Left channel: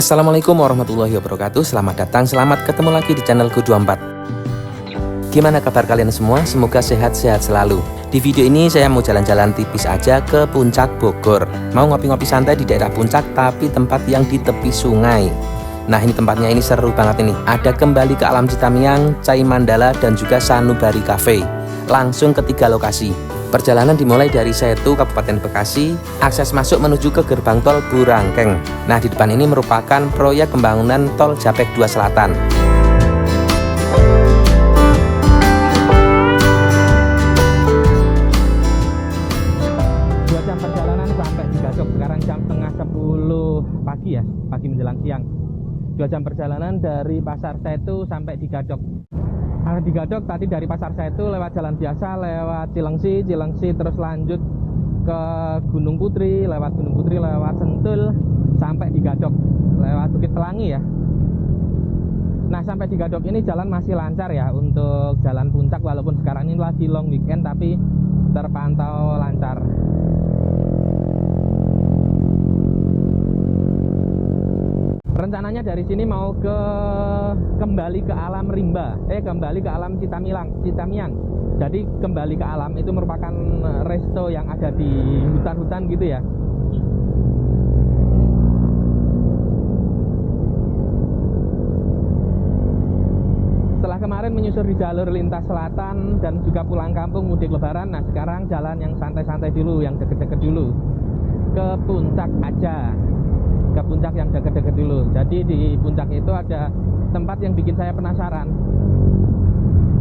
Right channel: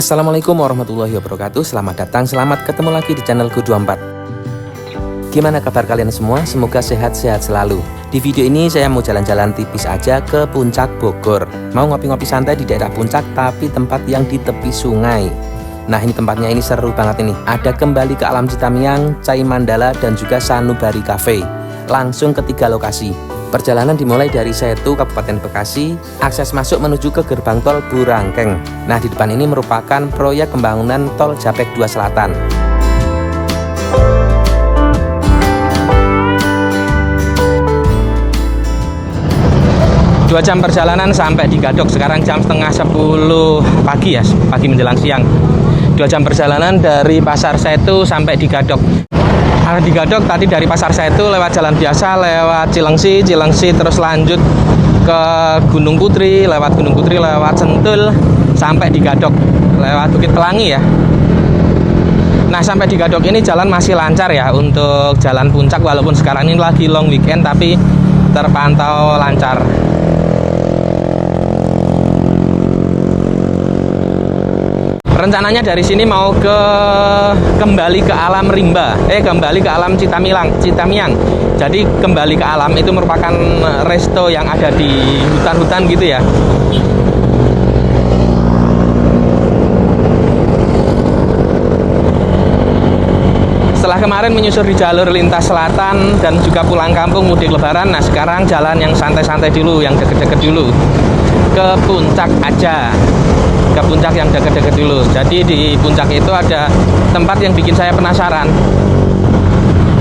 Assalamualaikum warahmatullahi wabarakatuh. Selamat datang, selamat ketemu lagi di channelku 24. Gimana kabar kalian semua? Semoga sehat-sehat selalu. Di video ini saya mau jalan-jalan tipis aja ke Puncak Bogor. Mau ngopi-ngopi santai di daerah Puncak, tapi tempat yang di tepi sungai. Nah, ini tempatnya ini seru banget ini. Ada Kembali ke Alam Citamiang, Cai Mandala, dan juga Sanubari Cafe. Langsung ke 3 lokasi. Perjalanan dimulai dari Setu, Kabupaten Bekasi, akses masuk menuju ke gerbang tol Burangkeng. Nah, di depan ini merupakan proyek pembangunan tol Japek 2 Selatan. Dua jam perjalanan sampai di Gadok. Sekarang jam setengah 10 pagi ya, pagi menjelang siang. 2 jam perjalanan dari Pasar Setu sampai di Gadok. Di Gadok tadi dari Pasar Setu lewat jalan biasa, lewat Cilengsi terus lanjut ke Gunung Putri, lewat Sentul sampai di Gadok, lewat Bukit Pelangi ya. Nah, sampai di Gadok ini jalan masih lancar ya untuk jalan puncak, walaupun sekarang ini lagi long weekend tapi terpantau lancar. Rencananya dari sini mau kembali ke alam rimba, kembali ke alam Citamiang. Jadi Kembali ke Alam itu merupakan resto yang ada di hutan-hutan gitu ya. Setelah kemarin menyusur di jalur lintas selatan dan juga pulang kampung mudik lebaran, nah sekarang jalan yang santai-santai dulu, yang deket-deket dulu. Ke puncak aja. Ke puncak yang deket-deket dulu. Jadi di puncak itu ada tempat yang bikin saya penasaran.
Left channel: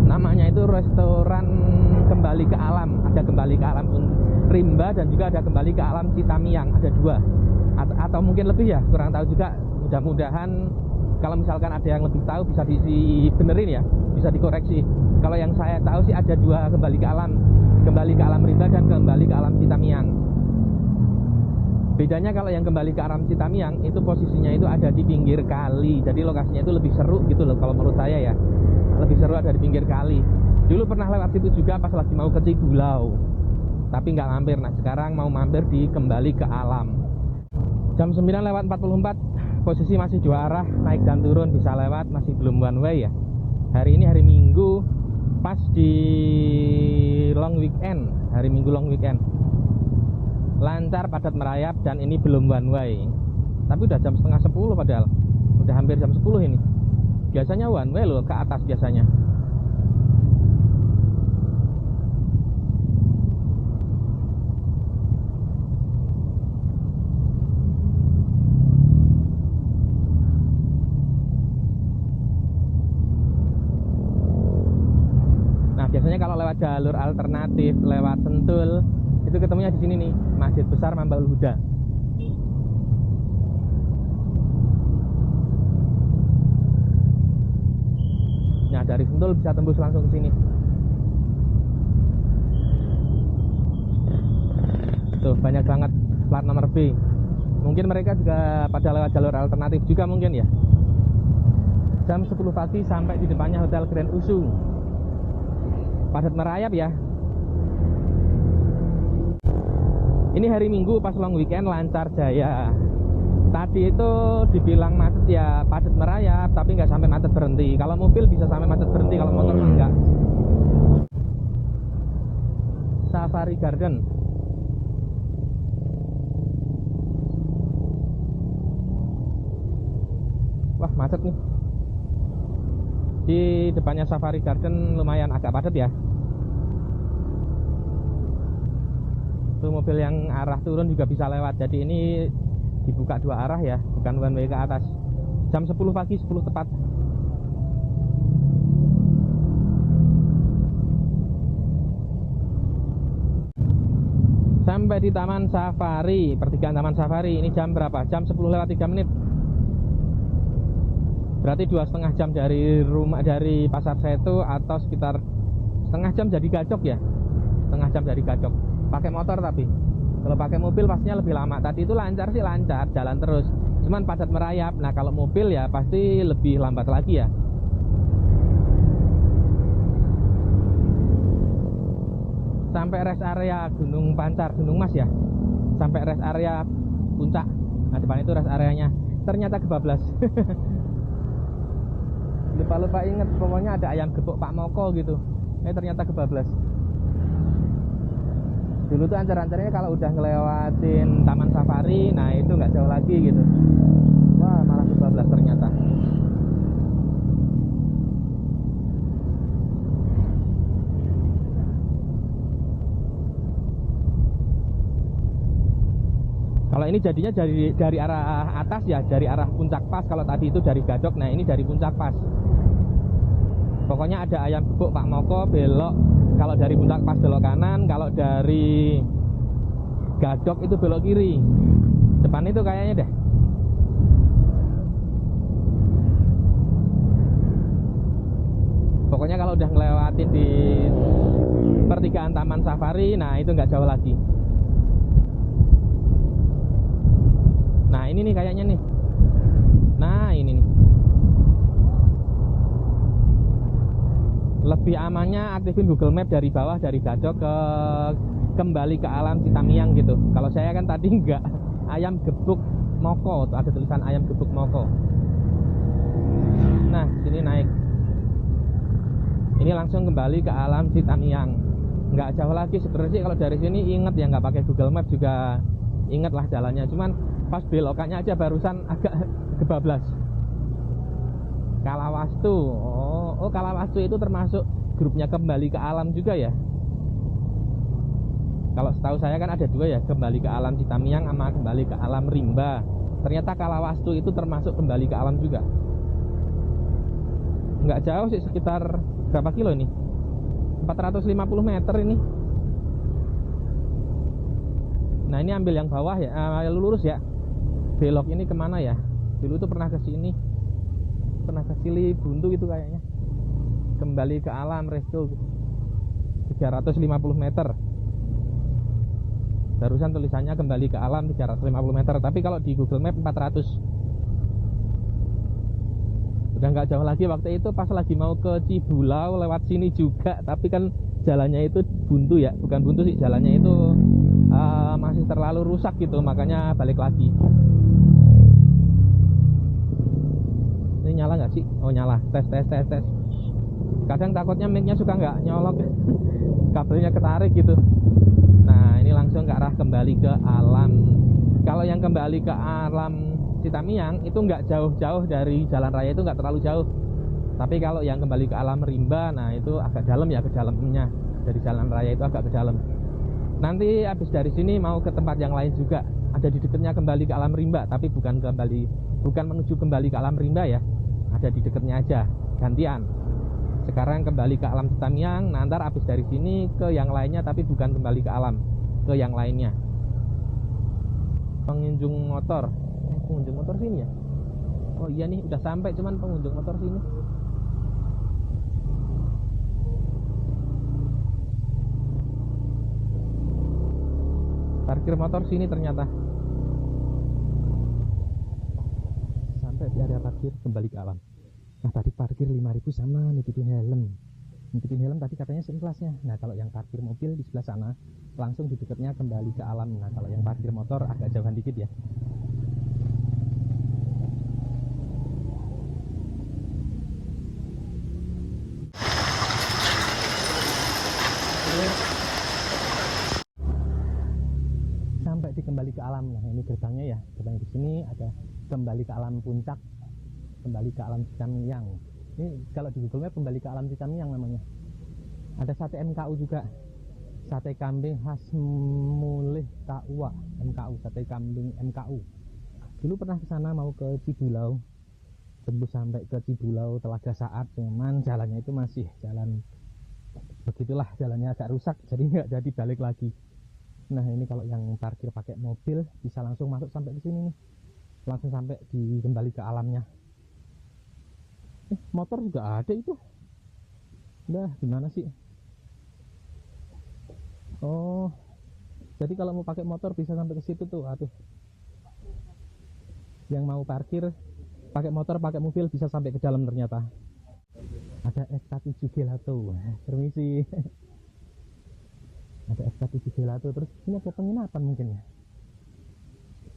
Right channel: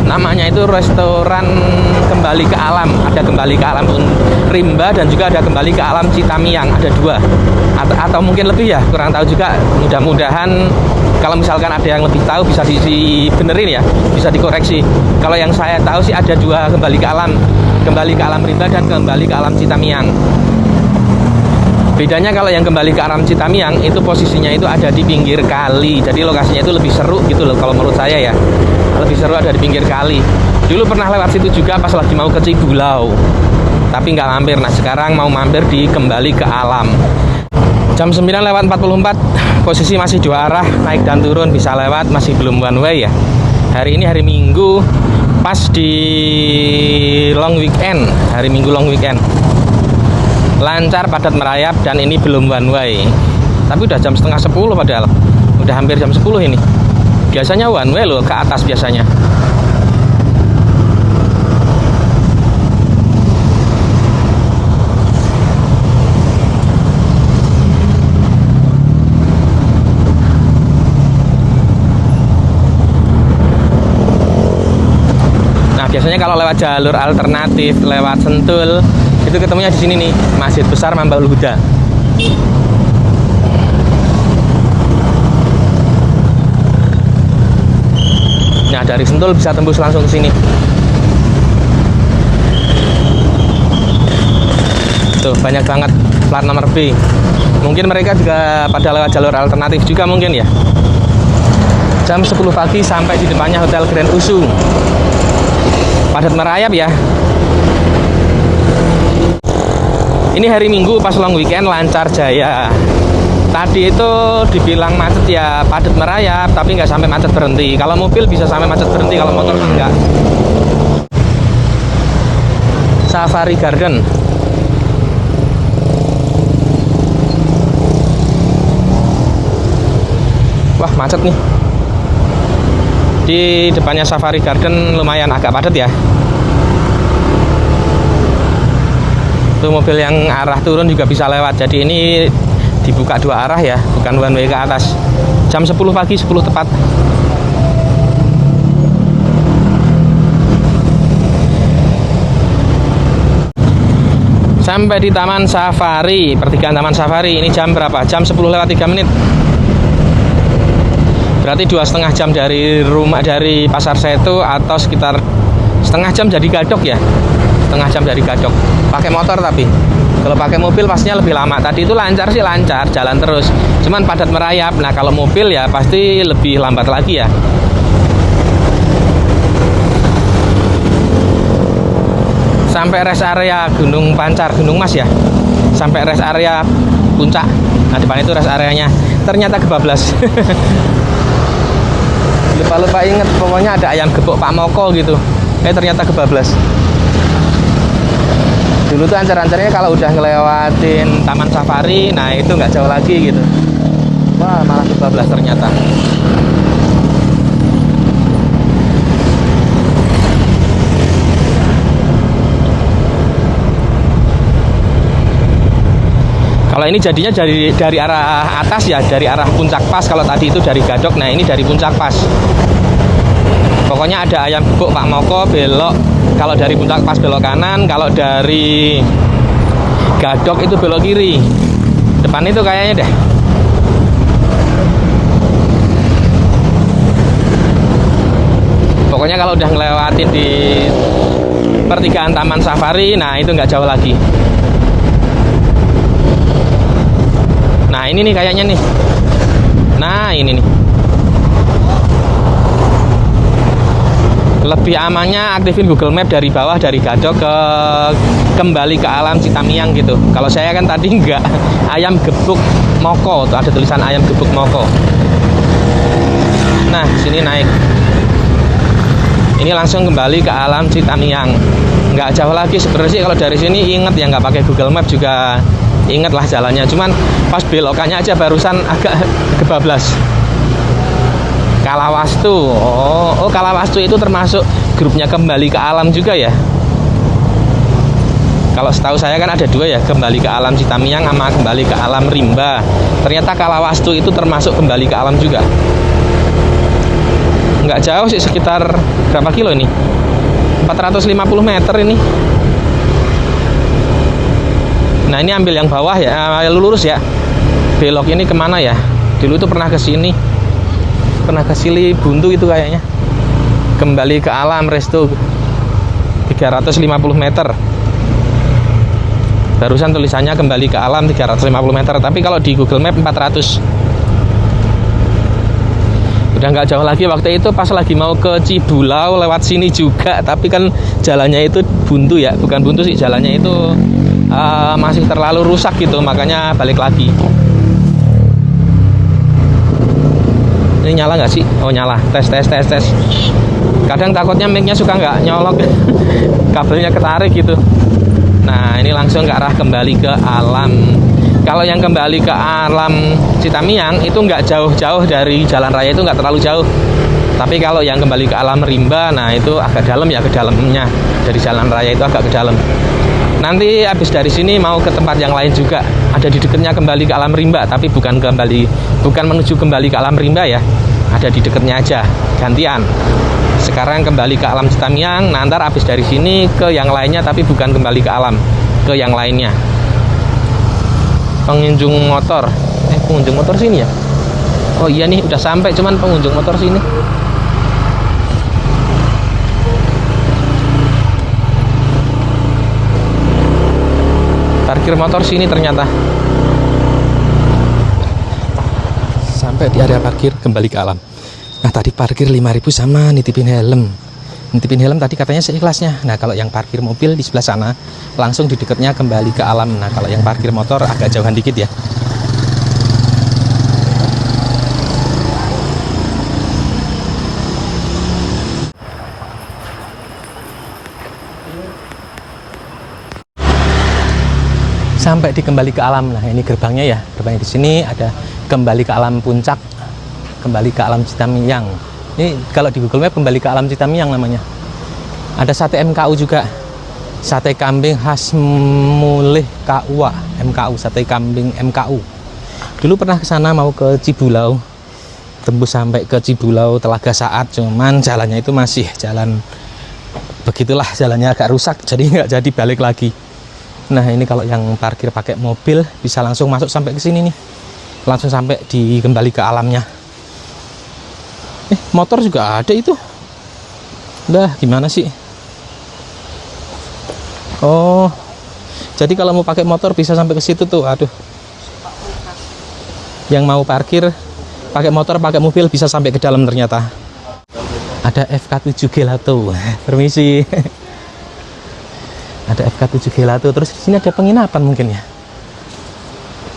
Namanya itu restoran Kembali ke Alam. Ada Kembali ke Alam Rimba dan juga ada Kembali ke Alam Citamiang. Ada 2 atau mungkin lebih ya, kurang tahu juga. Mudah-mudahan kalau misalkan ada yang lebih tahu bisa dibenerin ya, bisa dikoreksi. Kalau yang saya tahu sih ada 2 Kembali ke Alam Rimba dan Kembali ke Alam Citamiang. Bedanya kalau yang Kembali ke Alam Citamiang itu posisinya itu ada di pinggir kali. Jadi lokasinya itu lebih seru gitu loh kalau menurut saya ya. Lebih seru ada di pinggir kali. Dulu pernah lewat situ juga pas lagi mau ke Cigulau. Tapi nggak mampir. Nah, sekarang mau mampir di Kembali ke Alam. Jam 9:44, posisi masih 2 arah, naik dan turun bisa lewat, masih belum one way ya. Hari ini hari Minggu, pas di long weekend. Hari Minggu long weekend. Lancar, padat merayap, dan ini belum one way. Tapi udah jam setengah 10 padahal. Udah hampir jam 10 ini. Biasanya one way loh, ke atas biasanya. Nah, biasanya kalau lewat jalur alternatif, lewat Sentul, itu ketemunya di sini nih, Masjid Besar Mambaul Huda. Nah, dari Sentul bisa tembus langsung ke sini. Tuh, banyak banget plat nomor B. Mungkin mereka juga pada lewat jalur alternatif juga mungkin ya. Jam 10 pagi sampai di depannya Hotel Grand Usung. Padat merayap ya. Ini hari Minggu pas long weekend lancar jaya. Tadi itu dibilang macet ya, padat merayap, tapi nggak sampai macet berhenti. Kalau mobil bisa sampai macet berhenti, kalau motor enggak. Safari Garden. Wah, macet nih. Di depannya Safari Garden lumayan agak padat ya. Tuh mobil yang arah turun juga bisa lewat. Jadi ini dibuka 2 arah ya, bukan one way ke atas. Jam 10 pagi, 10 tepat. Sampai di Taman Safari, pertigaan Taman Safari. Ini jam berapa? Jam 10:03. Berarti 2,5 jam dari rumah, dari Pasar Setu, atau sekitar setengah jam dari Gadok ya. Setengah jam dari Gadok. Pakai motor tapi kalau pakai mobil pastinya lebih lama. Tadi itu lancar sih, lancar, jalan terus. Cuman padat merayap. Nah, kalau mobil ya pasti lebih lambat lagi ya. Sampai rest area Gunung Pancar, Gunung Mas ya. Sampai rest area puncak. Nah, depan itu rest areanya. ternyata kebablas. Lupa-lupa inget, pokoknya ada ayam gepuk Pak Moko gitu. Ternyata kebablas. Dulu tuh ancar-ancarnya kalau udah ngelewatin Taman Safari, nah itu nggak jauh lagi gitu. Wah, malah kebablas ternyata. Kalau ini jadinya dari arah atas ya, dari arah Puncak Pas. Kalau tadi itu dari Gadok, nah ini dari Puncak Pas. Pokoknya ada ayam gepuk Pak Moko belok. Kalau dari Puncak Pas belok kanan, kalau dari Gadok itu belok kiri. Depan itu kayaknya deh. Pokoknya kalau udah ngelewatin di pertigaan Taman Safari, nah itu nggak jauh lagi. Nah ini nih kayaknya nih. Nah ini nih. Lebih amannya aktifin Google Map dari bawah, dari Gadok ke kembali ke alam Citamiang gitu. Kalau saya kan tadi enggak, ayam gepuk Moko, tuh ada tulisan ayam gepuk Moko. Nah sini naik. Ini langsung kembali ke alam Citamiang. Nggak jauh lagi sebenarnya sih kalau dari sini, inget ya, nggak pakai Google Map juga inget lah jalannya. Cuman pas belokannya aja barusan agak kebablas. Kalawastu. Oh Kalawastu itu termasuk grupnya kembali ke alam juga ya. Kalau setahu saya kan ada dua ya, kembali ke alam Citamiang sama kembali ke alam Rimba. Ternyata Kalawastu itu termasuk kembali ke alam juga. Nggak jauh sih, sekitar berapa kilo ini? 450 meter ini. Nah ini ambil yang bawah ya, lurus ya. Belok ini kemana ya? Dulu itu pernah ke sini. Pernah ke Sili Buntu itu kayaknya. Kembali ke alam resto 350 meter. Barusan tulisannya kembali ke alam 350 meter, tapi kalau di Google Map 400. Udah nggak jauh lagi. Waktu itu pas lagi mau ke Cibulau lewat sini juga, tapi kan jalannya itu buntu ya, bukan buntu sih, jalannya itu masih terlalu rusak gitu, makanya balik lagi. Ini nyala nggak sih? Oh nyala. Tes. Kadang takutnya mic-nya suka nggak nyolok, kabelnya ketarik gitu. Nah ini langsung ke arah kembali ke alam. Kalau yang kembali ke alam Citamiang itu nggak jauh-jauh dari jalan raya, itu nggak terlalu jauh. Tapi kalau yang kembali ke alam Rimba, nah itu agak dalam ya, ke dalamnya. Dari jalan raya itu agak ke dalam. Nanti habis dari sini mau ke tempat yang lain juga. Ada di dekatnya kembali ke alam Rimba, tapi bukan menuju kembali ke alam Rimba ya. Ada di dekatnya aja, gantian. Sekarang kembali ke alam Citamiang, nah ntar habis dari sini ke yang lainnya, tapi bukan kembali ke alam, ke yang lainnya. Pengunjung motor sini ya. Oh iya nih udah sampai, cuman pengunjung motor sini. Parkir motor sini ternyata. Sampai di area parkir kembali ke alam. Nah tadi parkir 5.000 sama nitipin helm. Nitipin helm tadi katanya seikhlasnya. Nah kalau yang parkir mobil di sebelah sana, langsung di dekatnya kembali ke alam. Nah kalau yang parkir motor agak jauhan dikit ya. Sampai di kembali ke alam. Nah ini gerbangnya ya, gerbangnya di sini ada kembali ke alam Puncak, kembali ke alam Citamiang. Ini kalau di Google Map kembali ke alam Citamiang namanya. Ada sate MKU juga, sate kambing khas Mulih KUA, MKU, sate kambing MKU. Dulu pernah ke sana mau ke Cibulau, tembus sampai ke Cibulau Telaga Saat, cuman jalannya itu masih jalan begitulah, jalannya agak rusak, jadi nggak jadi balik lagi. Nah ini kalau yang parkir pakai mobil bisa langsung masuk sampai ke sini nih, langsung sampai di kembali ke alamnya. Motor juga ada itu. Udah gimana sih? Oh, jadi kalau mau pakai motor bisa sampai ke situ tuh. Aduh. Yang mau parkir pakai motor, pakai mobil bisa sampai ke dalam ternyata. Ada FK7 Gelato. Permisi. Ada FK7 Gelato. Terus di sini ada penginapan mungkin ya.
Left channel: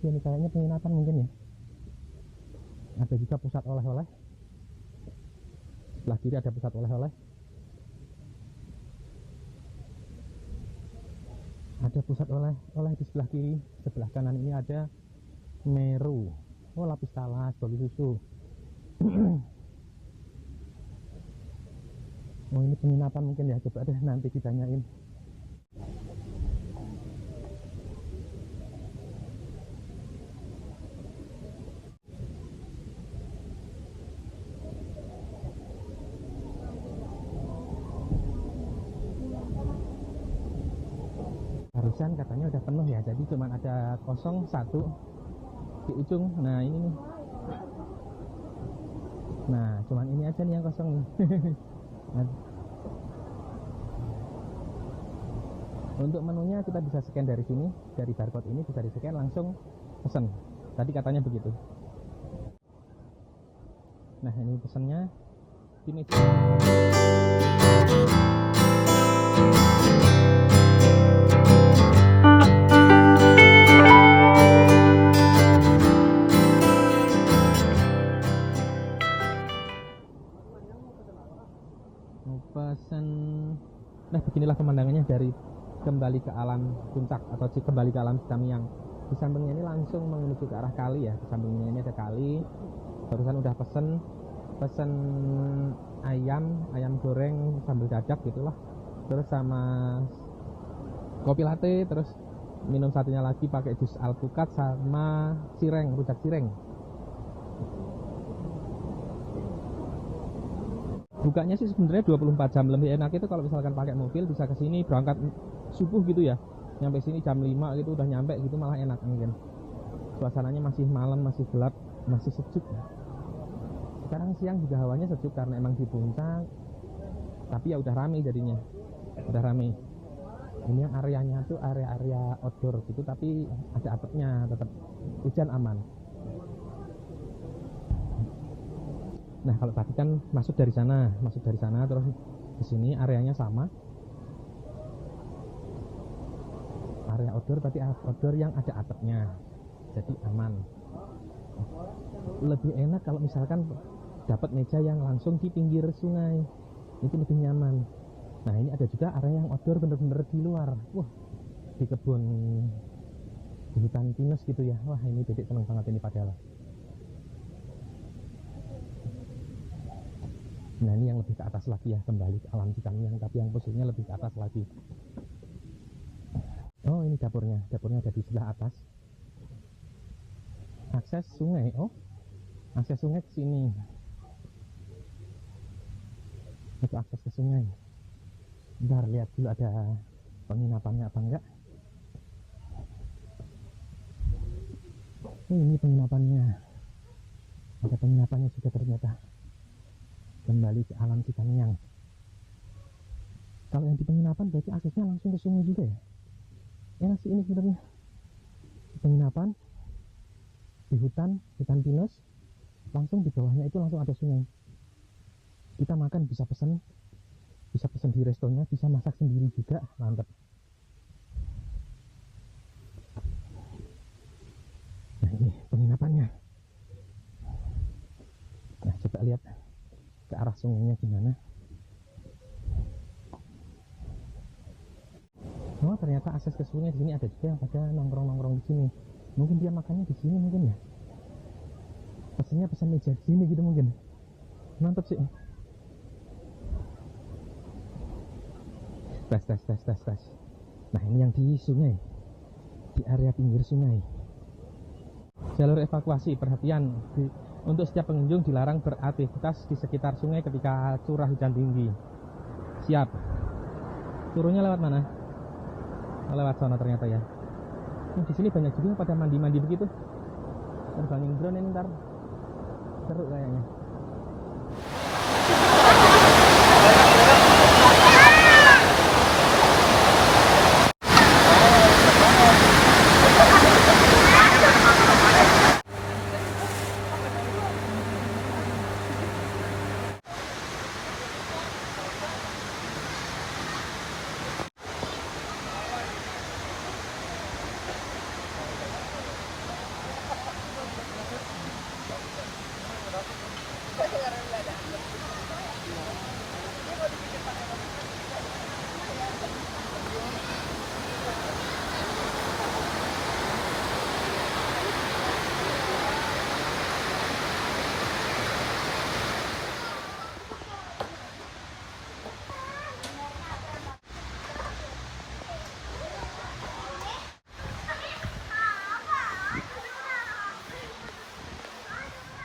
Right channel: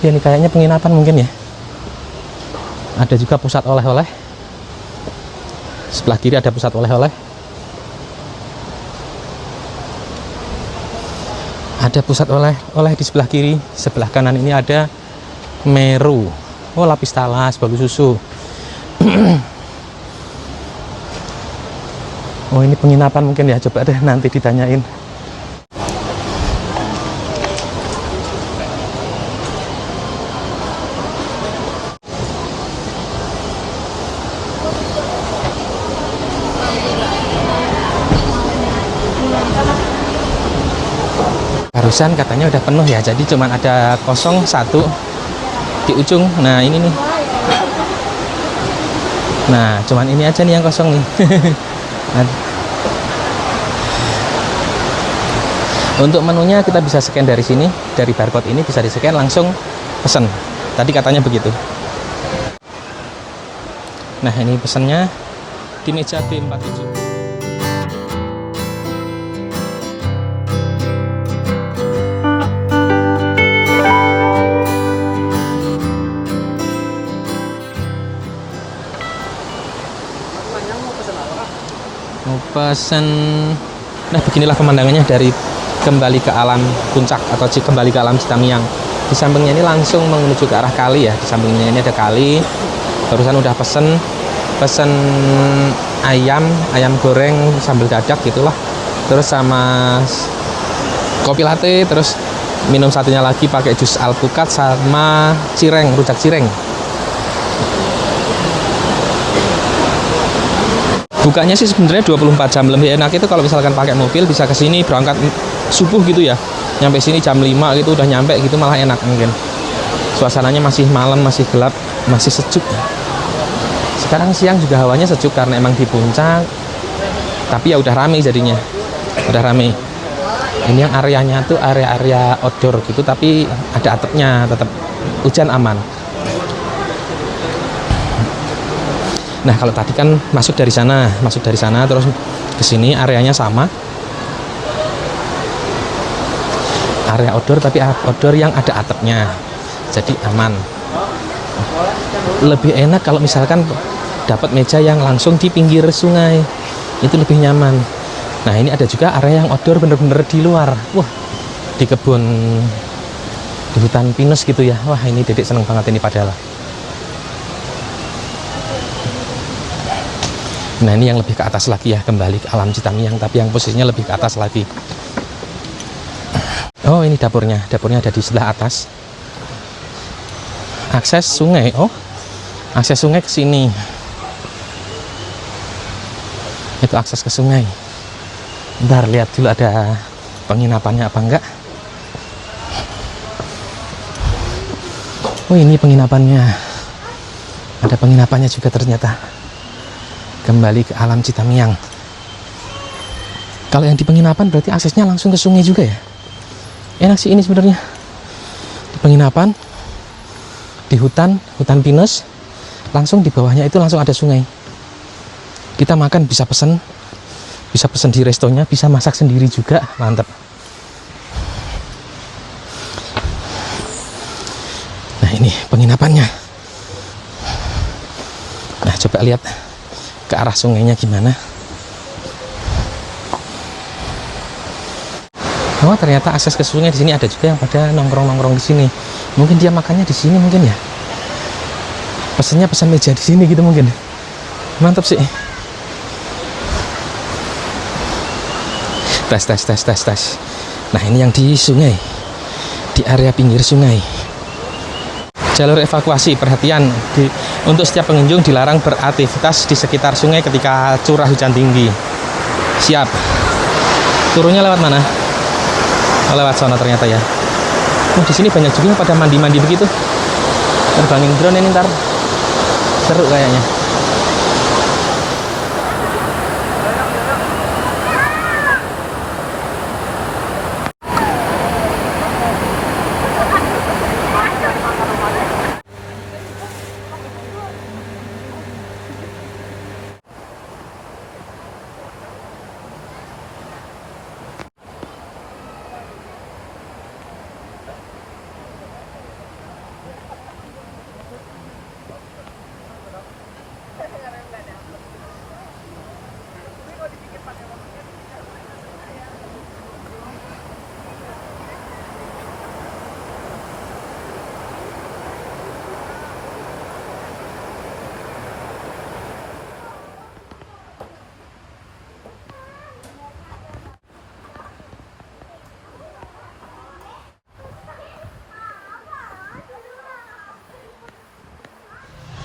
Ya ini kayaknya penginapan mungkin ya. Ada juga pusat oleh-oleh. Sebelah kiri ada pusat oleh-oleh. Ada pusat oleh-oleh di sebelah kiri. Sebelah kanan ini ada Meru. Oh, lapis talas, bagus susu. Oh, ini penginapan mungkin ya. Coba deh nanti ditanyain. Barusan katanya udah penuh ya, jadi cuman ada kosong satu di ujung. Nah, ini nih. Nah, cuman ini aja nih yang kosong nih. Untuk menunya kita bisa scan dari sini, dari barcode ini bisa di-scan langsung pesen. Tadi katanya begitu. Nah, ini pesannya di meja B47. Mau pesen. Nah, beginilah pemandangannya dari kembali ke alam puncak atau kembali ke alam Citamiang. Di sampingnya ini langsung menuju ke arah kali ya. Di sampingnya ini ada kali. Barusan udah pesen ayam goreng sambal dadak gitulah. Terus sama kopi latte, terus minum satunya lagi pakai jus alpukat sama cireng, rujak cireng. Bukanya sih sebenarnya 24 jam. Lebih enak itu kalau misalkan pakai mobil bisa ke sini berangkat subuh gitu ya. Nyampe sini jam 5 gitu udah nyampe gitu, malah enak mungkin. Suasananya masih malam, masih gelap, masih sejuk. Sekarang siang juga hawanya sejuk karena emang di puncak. Tapi ya udah rame jadinya. Udah rame. Ini yang areanya tuh area-area outdoor gitu, tapi ada atapnya, tetap hujan aman. Nah, kalau tadi kan masuk dari sana terus ke sini areanya sama. Area outdoor tapi outdoor yang ada atapnya. Jadi aman. Lebih enak kalau misalkan dapat meja yang langsung di pinggir sungai. Itu lebih nyaman. Nah, ini ada juga area yang outdoor bener-bener di luar. Wah, di kebun, di hutan pinus gitu ya. Wah, ini Dedek seneng banget ini padahal. Nah, ini yang lebih ke atas lagi ya, kembali ke alam Citamiang, tapi yang posisinya lebih ke atas lagi. Oh, ini dapurnya. Dapurnya ada di sebelah atas. Akses sungai. Oh, akses sungai ke sini. Itu akses ke sungai. Bentar, lihat dulu ada penginapannya apa enggak. Oh, ini penginapannya. Ada penginapannya juga ternyata. Kembali ke alam Citamiang. Kalau yang di penginapan berarti aksesnya langsung ke sungai juga ya. Enak sih ini sebenarnya. Di penginapan, di hutan pinus, langsung di bawahnya itu langsung ada sungai. Kita makan bisa pesen di restonya, bisa masak sendiri juga, mantap. Nah, ini penginapannya. Nah, coba lihat ke arah sungainya gimana. Oh, ternyata akses ke sungai di sini ada juga yang pada nongkrong-nongkrong di sini. Mungkin dia makannya di sini mungkin ya. Pesennya pesan meja di sini gitu mungkin. Mantap sih. Tes. Nah, ini yang di sungai. Di area pinggir sungai. Jalur evakuasi, perhatian untuk setiap pengunjung dilarang beraktivitas di sekitar sungai ketika curah hujan tinggi. Siap. Turunnya lewat mana? Oh, lewat sana ternyata ya. Oh, di sini banyak juga yang pada mandi-mandi begitu. Terbangin drone ini ntar. Seru kayaknya.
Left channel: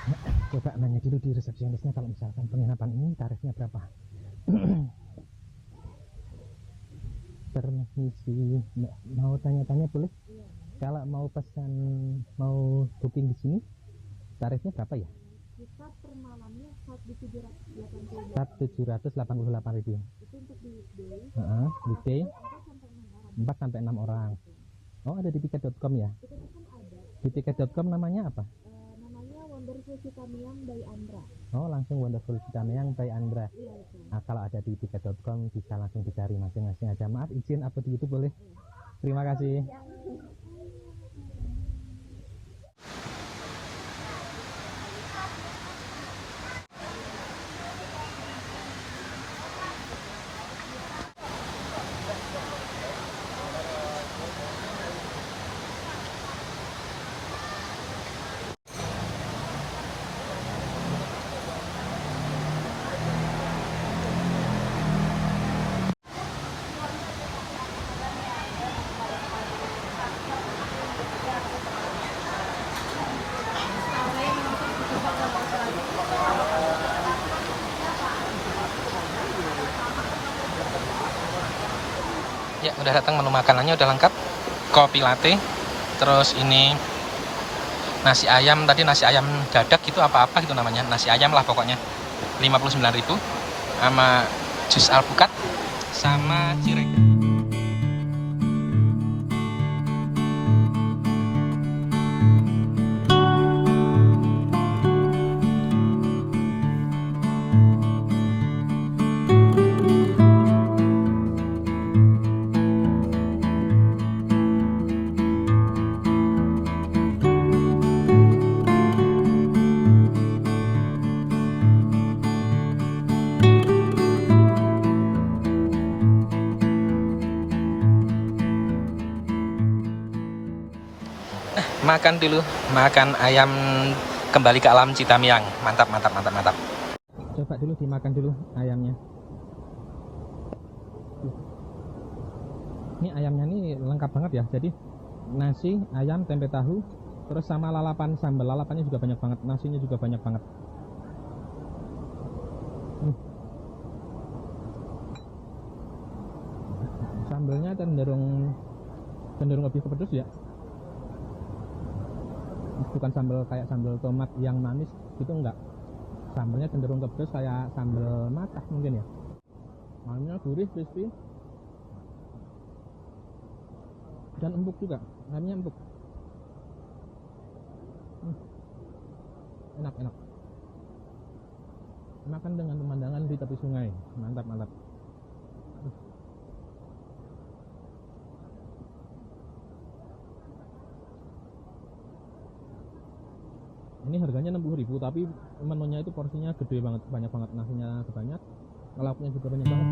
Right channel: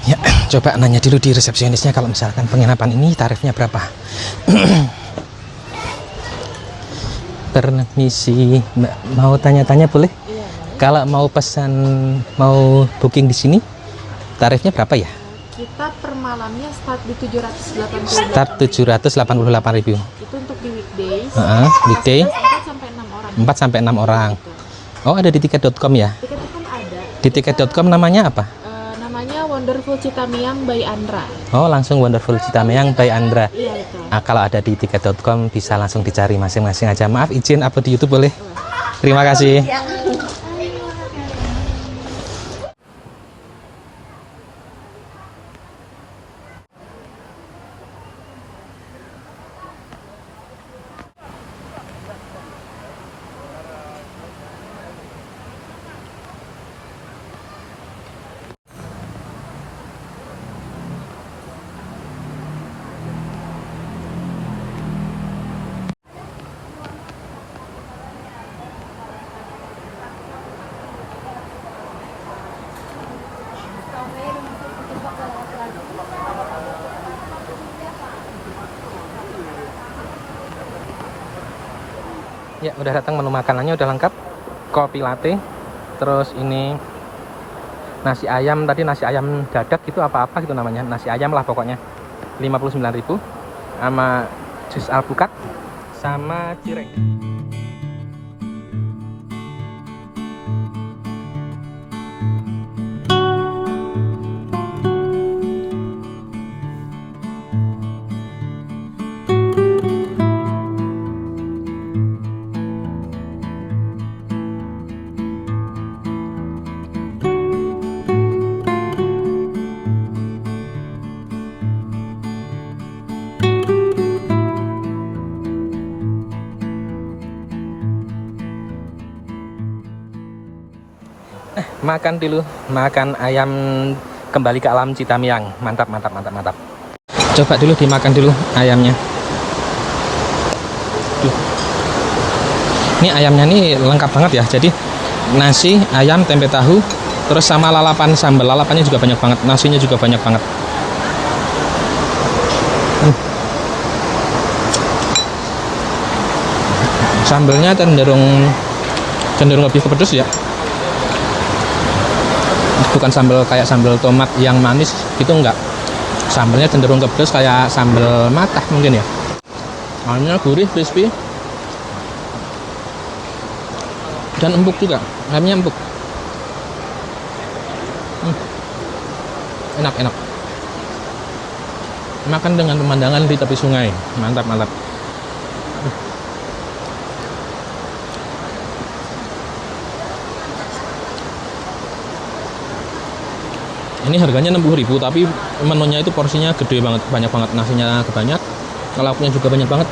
Ya, coba nanya dulu di resepsionisnya kalau misalkan penginapan ini tarifnya berapa. Permisi, Mbak, mau tanya-tanya boleh? Iya, Kalau mau pesan, mau booking di sini, tarifnya berapa ya? kita per malamnya start di 788. Start 788.000. Itu untuk di weekdays. Weekday Kapasitas 4 sampai 6 orang. 4 sampai 6 orang. Gitu. Oh, ada di tiket.com ya? Tiket-tiket ada. Di tiket.com namanya apa? Namanya Wonderful Citamiang by Andra. Oh, langsung Wonderful Citamiang by Andra. Iya, betul. Kalau ada di tiket.com bisa langsung dicari masing-masing aja. Maaf, izin upload di YouTube boleh? Terima kasih. Ya, udah datang menu makanannya udah lengkap. Kopi latte. Terus ini nasi ayam, tadi nasi ayam dadak gitu apa-apa gitu namanya. Nasi ayam lah pokoknya. 59.000 sama jus alpukat sama cireng. Makan dulu, makan ayam kembali ke alam Citamiang. Mantap, mantap, mantap, mantap. Coba dulu dimakan dulu ayamnya. Duh. Ini ayamnya nih lengkap banget ya. Jadi nasi, ayam, tempe tahu, terus sama lalapan sambal. Lalapannya juga banyak banget, nasinya juga banyak banget. Sambalnya cenderung lebih ke pedas ya. Bukan sambal kayak sambal tomat yang manis, itu enggak. Sambalnya cenderung ke pedas kayak sambal matah mungkin ya. Ayamnya gurih, crispy, dan empuk juga. Ayamnya empuk. Enak, enak. Makan dengan pemandangan di tepi sungai. Mantap, mantap. Ini harganya 60.000, tapi menunya itu porsinya gede banget, banyak banget, nasinya kebanyak, lauknya juga banyak banget.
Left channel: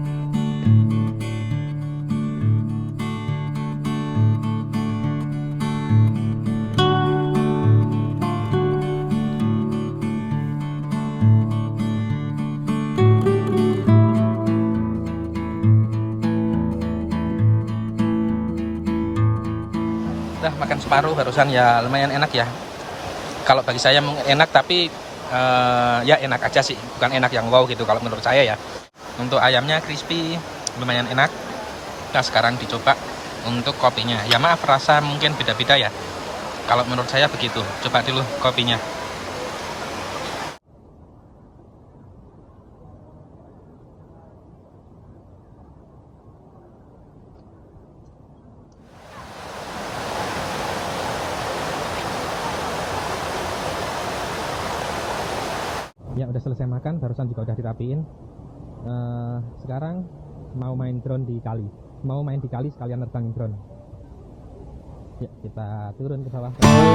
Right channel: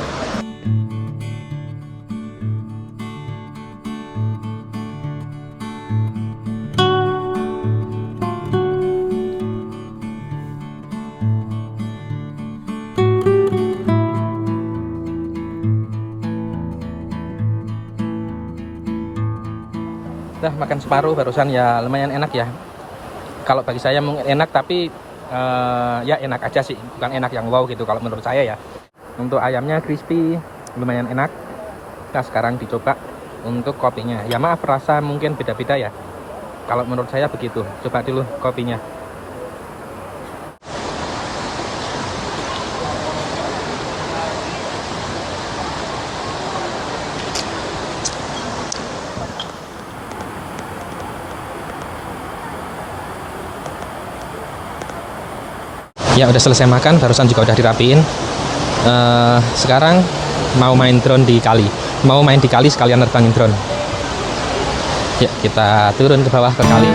Udah makan separuh barusan ya, lumayan enak ya. Kalau bagi saya mungkin enak, tapi ya enak aja sih, bukan enak yang wow gitu kalau menurut saya ya. Untuk ayamnya crispy, lumayan enak. Nah, sekarang dicoba untuk kopinya. Ya maaf, rasa mungkin beda-beda ya. Kalau menurut saya begitu. Coba dulu kopinya. Ya udah selesai makan, barusan juga udah dirapiin. Sekarang mau main drone di kali. Mau main di kali sekalian nerbangin drone. Ya, kita turun ke bawah ke kali.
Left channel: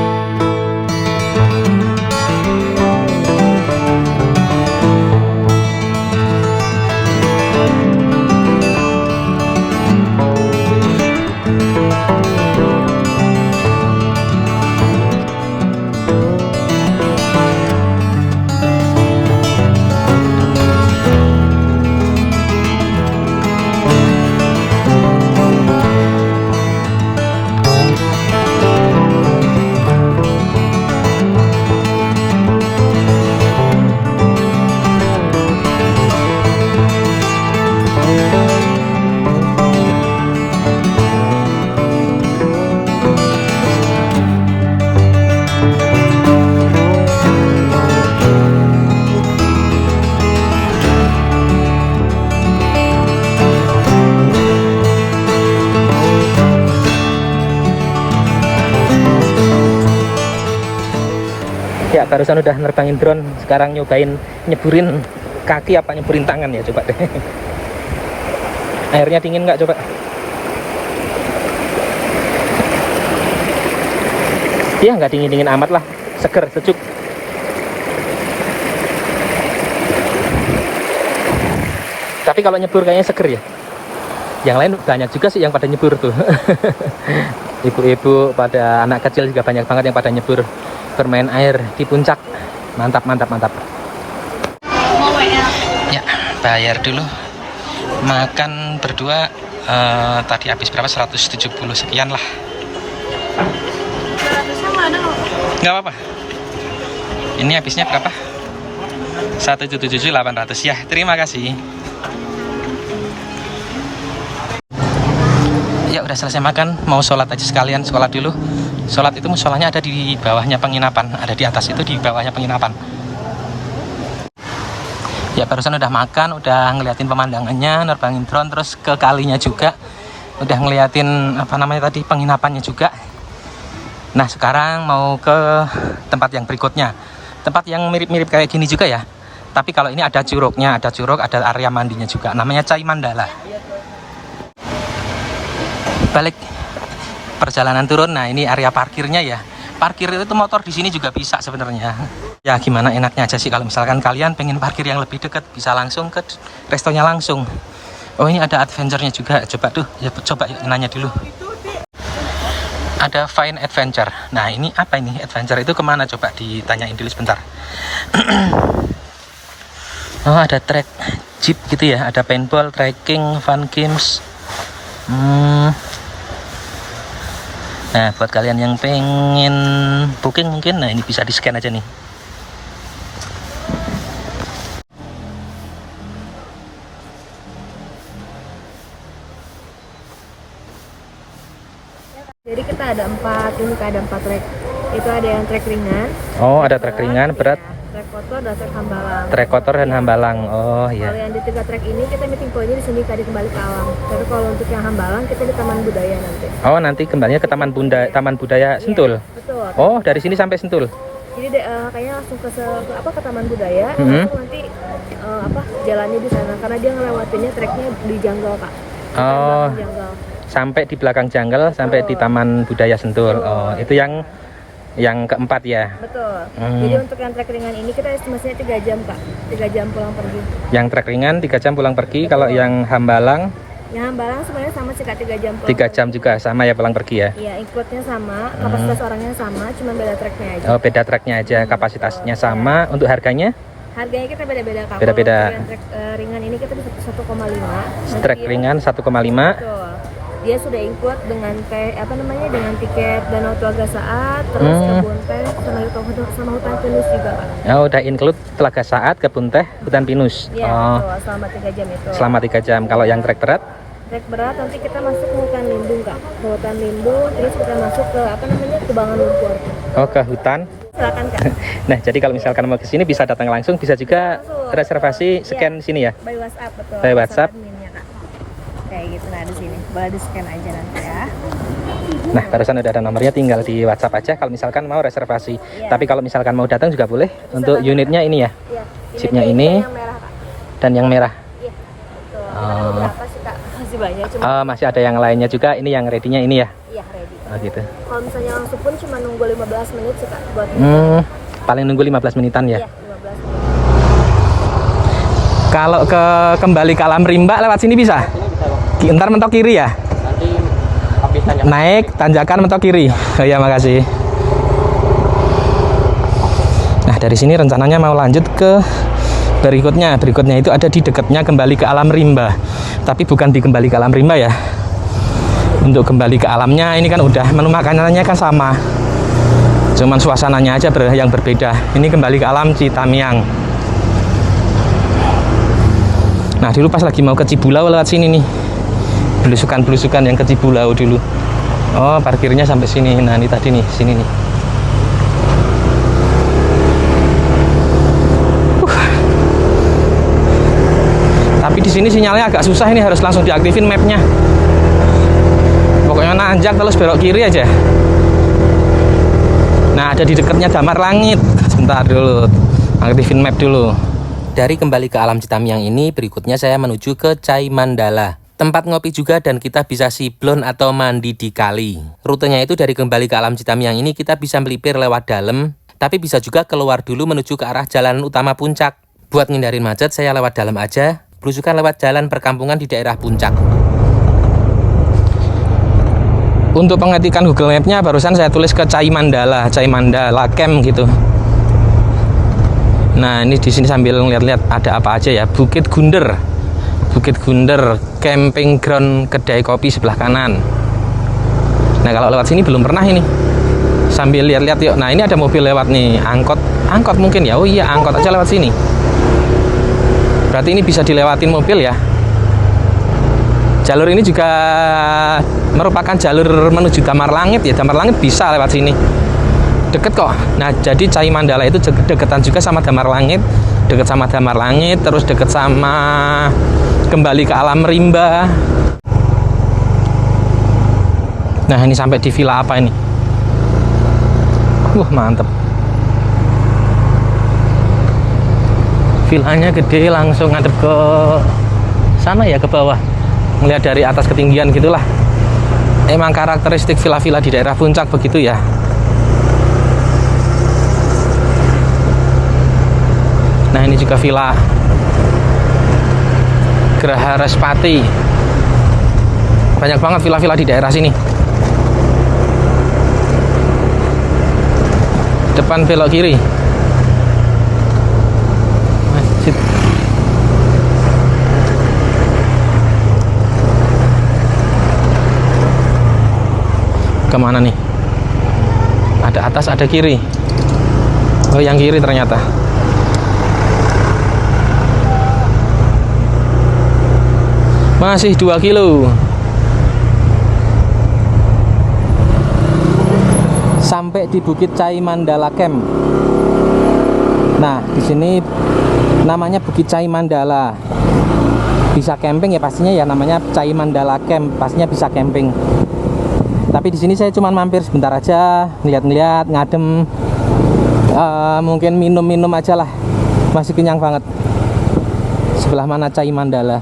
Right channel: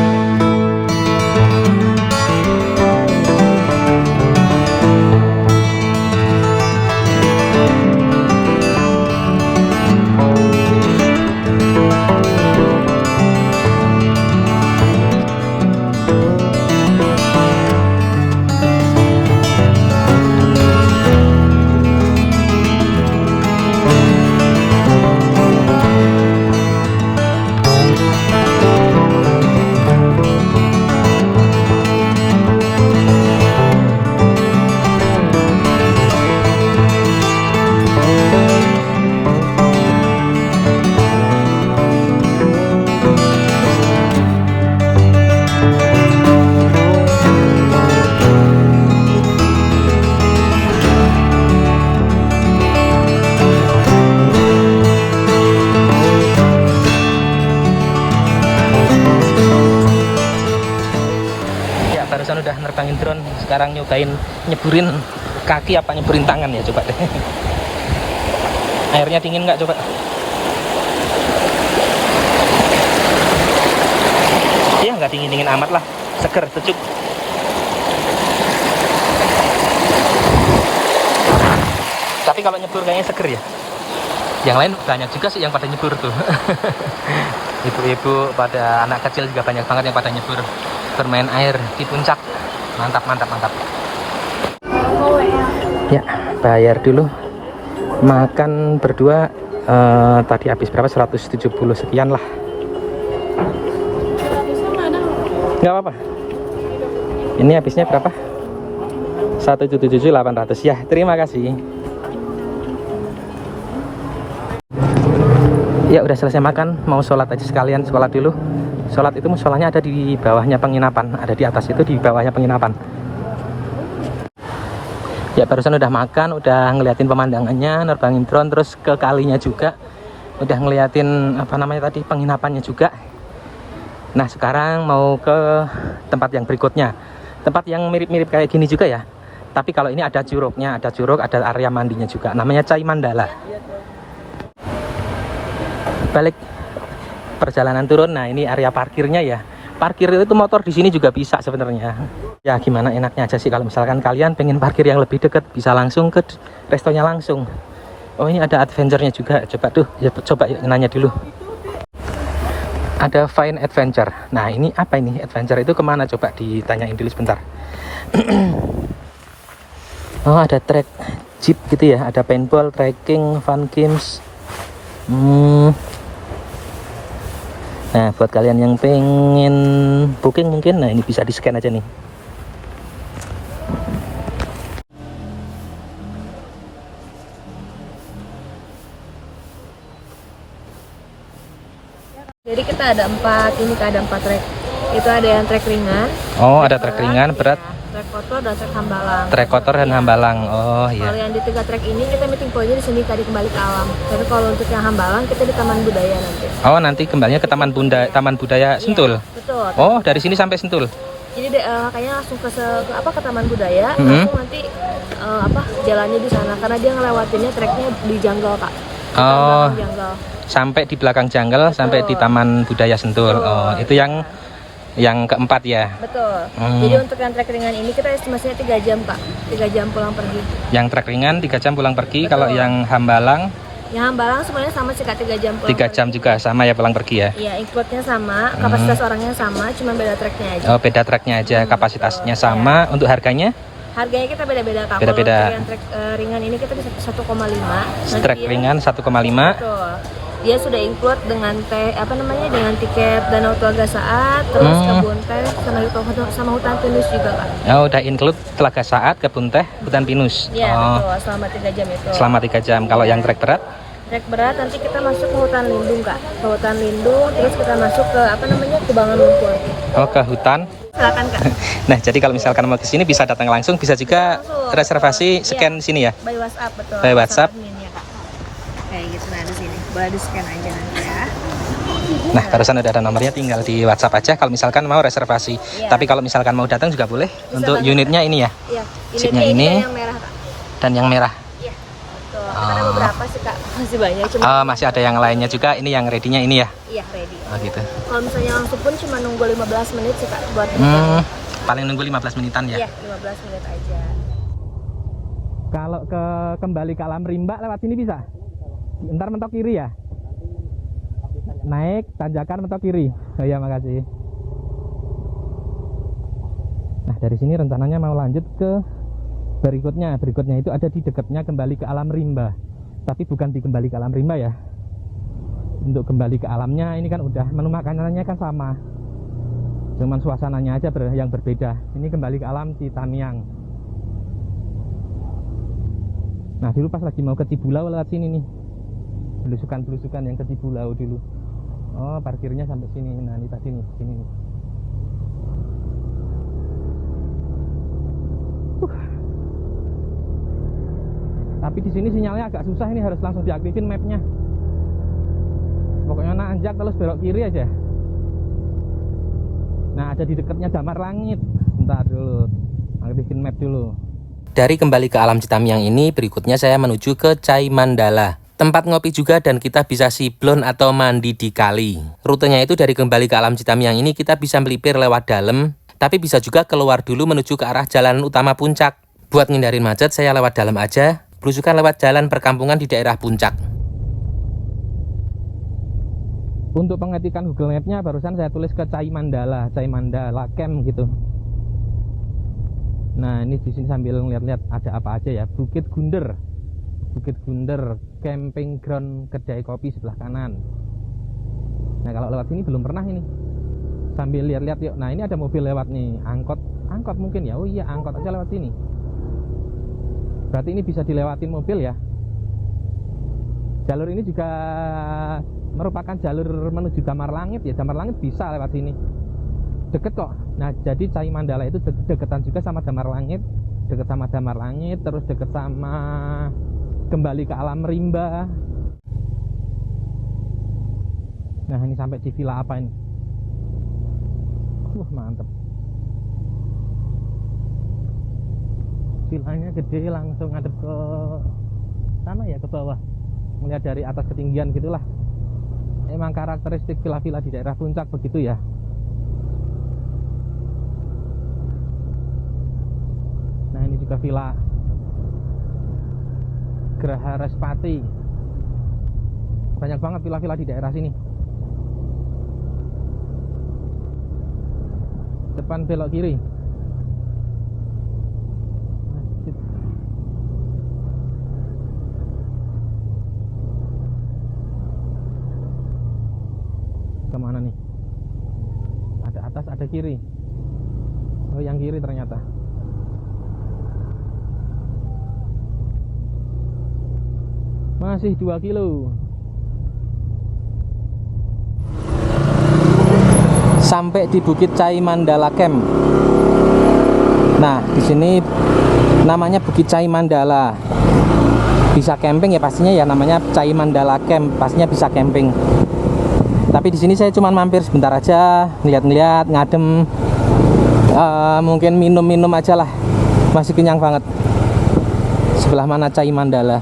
Ya, barusan udah nerbangin drone, sekarang nyobain nyeburin kaki apa nyeburin tangan ya, coba deh. Airnya dingin nggak, coba? Iya, nggak dingin-dingin amat lah, seger, sejuk. Tapi kalau nyebur kayaknya seger ya. Yang lain banyak juga sih yang pada nyebur tuh. Ibu-ibu pada anak kecil juga banyak banget yang pada nyebur bermain air di puncak. Mantap, mantap, mantap. Ya, bayar dulu. Makan berdua tadi habis berapa? 170 sekian lah. Nggak apa-apa. Ini habisnya berapa? 177.800 ya. Terima kasih. Ya udah selesai makan, mau sholat aja sekalian, sholat dulu. Sholat itu musolanya ada di bawahnya penginapan, ada di atas itu di bawahnya penginapan. Ya barusan udah makan, udah ngeliatin pemandangannya, nerbangin drone, terus ke kalinya juga, udah ngeliatin apa namanya tadi penginapannya juga. Nah sekarang mau ke tempat yang berikutnya, tempat yang mirip-mirip kayak gini juga ya. Tapi kalau ini ada curugnya, ada curug, ada area mandinya juga, namanya Cai Mandala. Balik perjalanan turun, nah ini area parkirnya ya. Parkir itu motor di sini juga bisa sebenarnya. Ya gimana enaknya aja sih kalau misalkan kalian pengen parkir yang lebih dekat, bisa langsung ke restonya langsung. Oh ini ada adventure-nya juga, coba tuh, ya coba yuk, nanya dulu. Ada Fine Adventure. Nah ini apa ini adventure itu kemana? Coba ditanyain dulu sebentar. Oh ada track jeep gitu ya, ada paintball, trekking, fun games. Nah buat kalian yang pengen booking mungkin, nah ini bisa di scan aja nih. Jadi kita ada 4 trek. Itu ada yang trek ringan. Oh ada trek ringan, berat. Trek kotor dan trek hambalang. Trek kotor dan hambalang. Oh iya. Kalau yang di 3 trek ini kita meeting pointnya di sini tadi kembali ke alam. Tapi kalau untuk yang hambalang kita di Taman Budaya nanti. Oh nanti kembalinya ke Taman Budaya Sentul. Iya, betul. Oh dari sini sampai Sentul. Jadi kayaknya langsung ke Taman Budaya. Langsung nanti jalannya di sana karena dia ngelewatinnya treknya di jungle Kak. Oh. Jungle. Sampai di belakang jungle, sampai di Taman Budaya Sentul. Oh itu yang keempat ya. Betul. Jadi untuk yang trek ringan ini kita estimasinya 3 jam Kak. 3 jam pulang pergi. Yang trek ringan 3 jam pulang pergi. Betul. Kalau yang hambalang? Yang hambalang sebenarnya sama sih Kak, 3 jam pulang 3 jam juga sama ya pulang pergi ya? Iya, include-nya sama, kapasitas orangnya sama, cuma beda treknya aja. Oh beda treknya aja, kapasitasnya sama. Untuk harganya? Harganya kita beda-beda Kak. Beda-beda. Kalau yang trek ringan ini kita bisa 1,5. Trek ringan 1,5. Betul. Dia sudah include dengan dengan tiket Danau Telaga Saat, terus kebun teh sama hutan pinus juga Kak. Oh, udah include Telaga Saat, kebun teh, hutan pinus. Iya, oh. betul, selama 3 jam itu. Selama 3 jam. Kalau yang trek berat? Trek berat nanti kita masuk ke hutan lindung Kak. Ke hutan lindung, terus kita masuk ke kubangan lumpur. Oh, ke hutan. Silakan Kak. Nah, jadi kalau misalkan mau ke sini bisa datang langsung, bisa juga reservasi scan sini ya. By WhatsApp betul. By WhatsApp. Adminnya, Kak. Kayak gitu nah di sini. Boleh di scan aja nanti ya. Nah, barusan udah ada nomornya, tinggal di WhatsApp aja kalau misalkan mau reservasi. Iya. Tapi kalau misalkan mau datang juga boleh. Bisa untuk datang. Unitnya ini ya. Iya. Chipnya ini yang merah, Kak. dan yang merah. Iya. Betul. Berapa sih Kak? Masih banyak cuma. Masih ada yang lainnya juga. Ini yang ready-nya ini ya. Iya, ready. Oh gitu. Kalau misalnya langsung pun cuma nunggu 15 menit sih Kak buat. Paling nunggu 15 menitan ya. Iya, 15 menit. Kalau kembali ke Alam Rimba lewat sini bisa? Ntar mentok kiri ya? Nanti habis tanjakan. Naik, tanjakan mentok kiri. Oh ya, makasih. Nah, dari sini rencananya mau lanjut ke berikutnya. Berikutnya itu ada di dekatnya kembali ke Alam Rimba. Tapi bukan di kembali ke Alam Rimba ya. Untuk kembali ke alamnya ini kan udah menu makanannya kan sama. Cuman suasananya aja yang berbeda. Ini kembali ke alam Citamiang. Nah, dulu pas lagi mau ke Cibulau lewat sini nih. Belusukan-belusukan yang ke Cibulau dulu. Oh, parkirnya sampai sini. Nah, ini tadi nih, sini nih. Tapi di sini sinyalnya agak susah, ini harus langsung diaktifin mapnya. Pokoknya nanjak terus belok kiri aja. Nah, Nah, ada di dekatnya Damar Langit. Sebentar dulu, aktifin map dulu. Dari kembali ke alam Citamiang ini, berikutnya saya menuju ke Cai Mandala. Tempat ngopi juga dan kita bisa siblon atau mandi di kali. Rutenya itu dari kembali ke alam Citamiang ini kita bisa melipir lewat dalam, tapi bisa juga keluar dulu menuju ke arah jalan utama Puncak. Buat ngindarin macet, saya lewat dalam aja, belusukan lewat jalan perkampungan di daerah Puncak. Untuk pengetikan Google Map-nya barusan saya tulis ke Cai Mandala Camp gitu. Nah, ini di sini sambil ngeliat-liat ada apa aja ya. Bukit Gunder, camping ground kedai kopi sebelah kanan. Nah, kalau lewat sini belum pernah ini. Sambil lihat-lihat yuk. Nah, ini ada mobil lewat nih, angkot mungkin ya. Oh iya, angkot aja lewat sini. Berarti ini bisa dilewatin mobil ya. Jalur ini juga merupakan jalur menuju Damar Langit ya. Damar Langit bisa lewat sini. Deket kok. Nah, jadi Cai Mandala itu deketan juga sama Damar Langit. Deket sama Damar Langit, terus deket sama kembali ke alam rimba. Nah, ini sampai di villa apa ini? Mantep. Villanya gede, langsung ngadep ke sana ya, ke bawah. Melihat dari atas ketinggian gitulah. Emang karakteristik villa-villa di daerah Puncak begitu ya. Nah, ini juga villa Geraha Respati. Banyak banget villa-villa di daerah sini. Depan belok kiri. Masjid. Kemana nih? Ada atas, ada kiri. Oh, yang kiri ternyata. Masih 2 kilo. Sampai di Bukit Cai Mandala Camp. Nah, di sini namanya Bukit Cai Mandala. Bisa camping ya pastinya ya, namanya Cai Mandala Camp, pastinya bisa camping. Tapi di sini saya cuma mampir sebentar aja, lihat-lihat, ngadem, mungkin minum-minum aja lah. Masih kenyang banget. Sebelah mana Cai Mandala?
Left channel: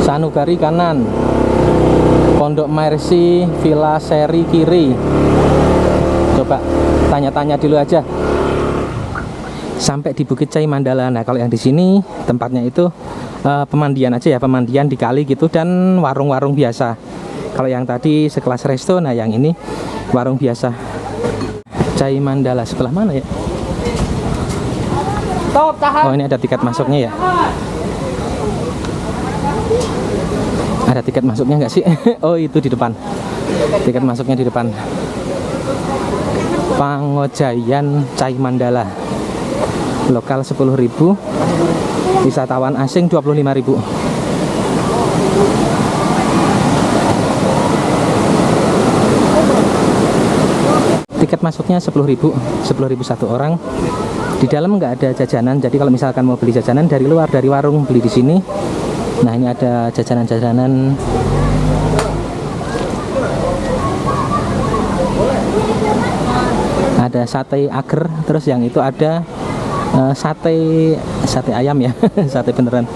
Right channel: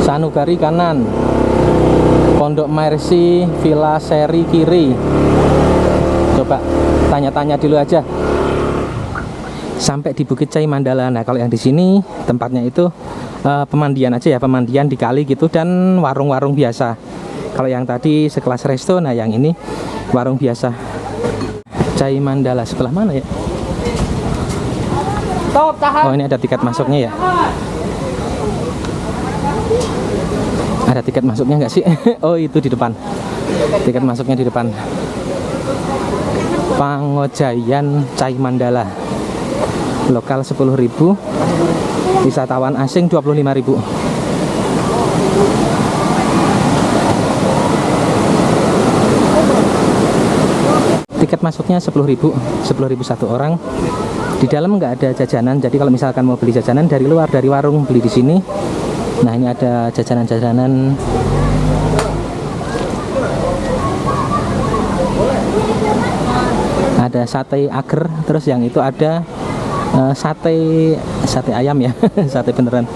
Sanugari kanan, Pondok Mercy Villa Seri kiri. Coba tanya-tanya dulu aja. Sampai di Bukit Cai Mandala. Nah, kalau yang di sini tempatnya itu pemandian aja ya, pemandian di kali gitu dan warung-warung biasa. Kalau yang tadi sekelas resto, nah yang ini warung biasa. Cai Mandala sebelah mana ya? Oh, ini ada tiket masuknya ya. Ada tiket masuknya nggak sih? Oh, itu di depan. Tiket masuknya di depan. Pangojayan Cai Mandala. Lokal 10.000, wisatawan asing 25.000. Tiket masuknya 10.000 satu orang. Di dalam nggak ada jajanan, jadi kalau misalkan mau beli jajanan dari luar, dari warung, beli di sini. Nah, ini ada jajanan-jajanan. Ada sate ager, terus yang itu ada sate ayam ya, sate beneran.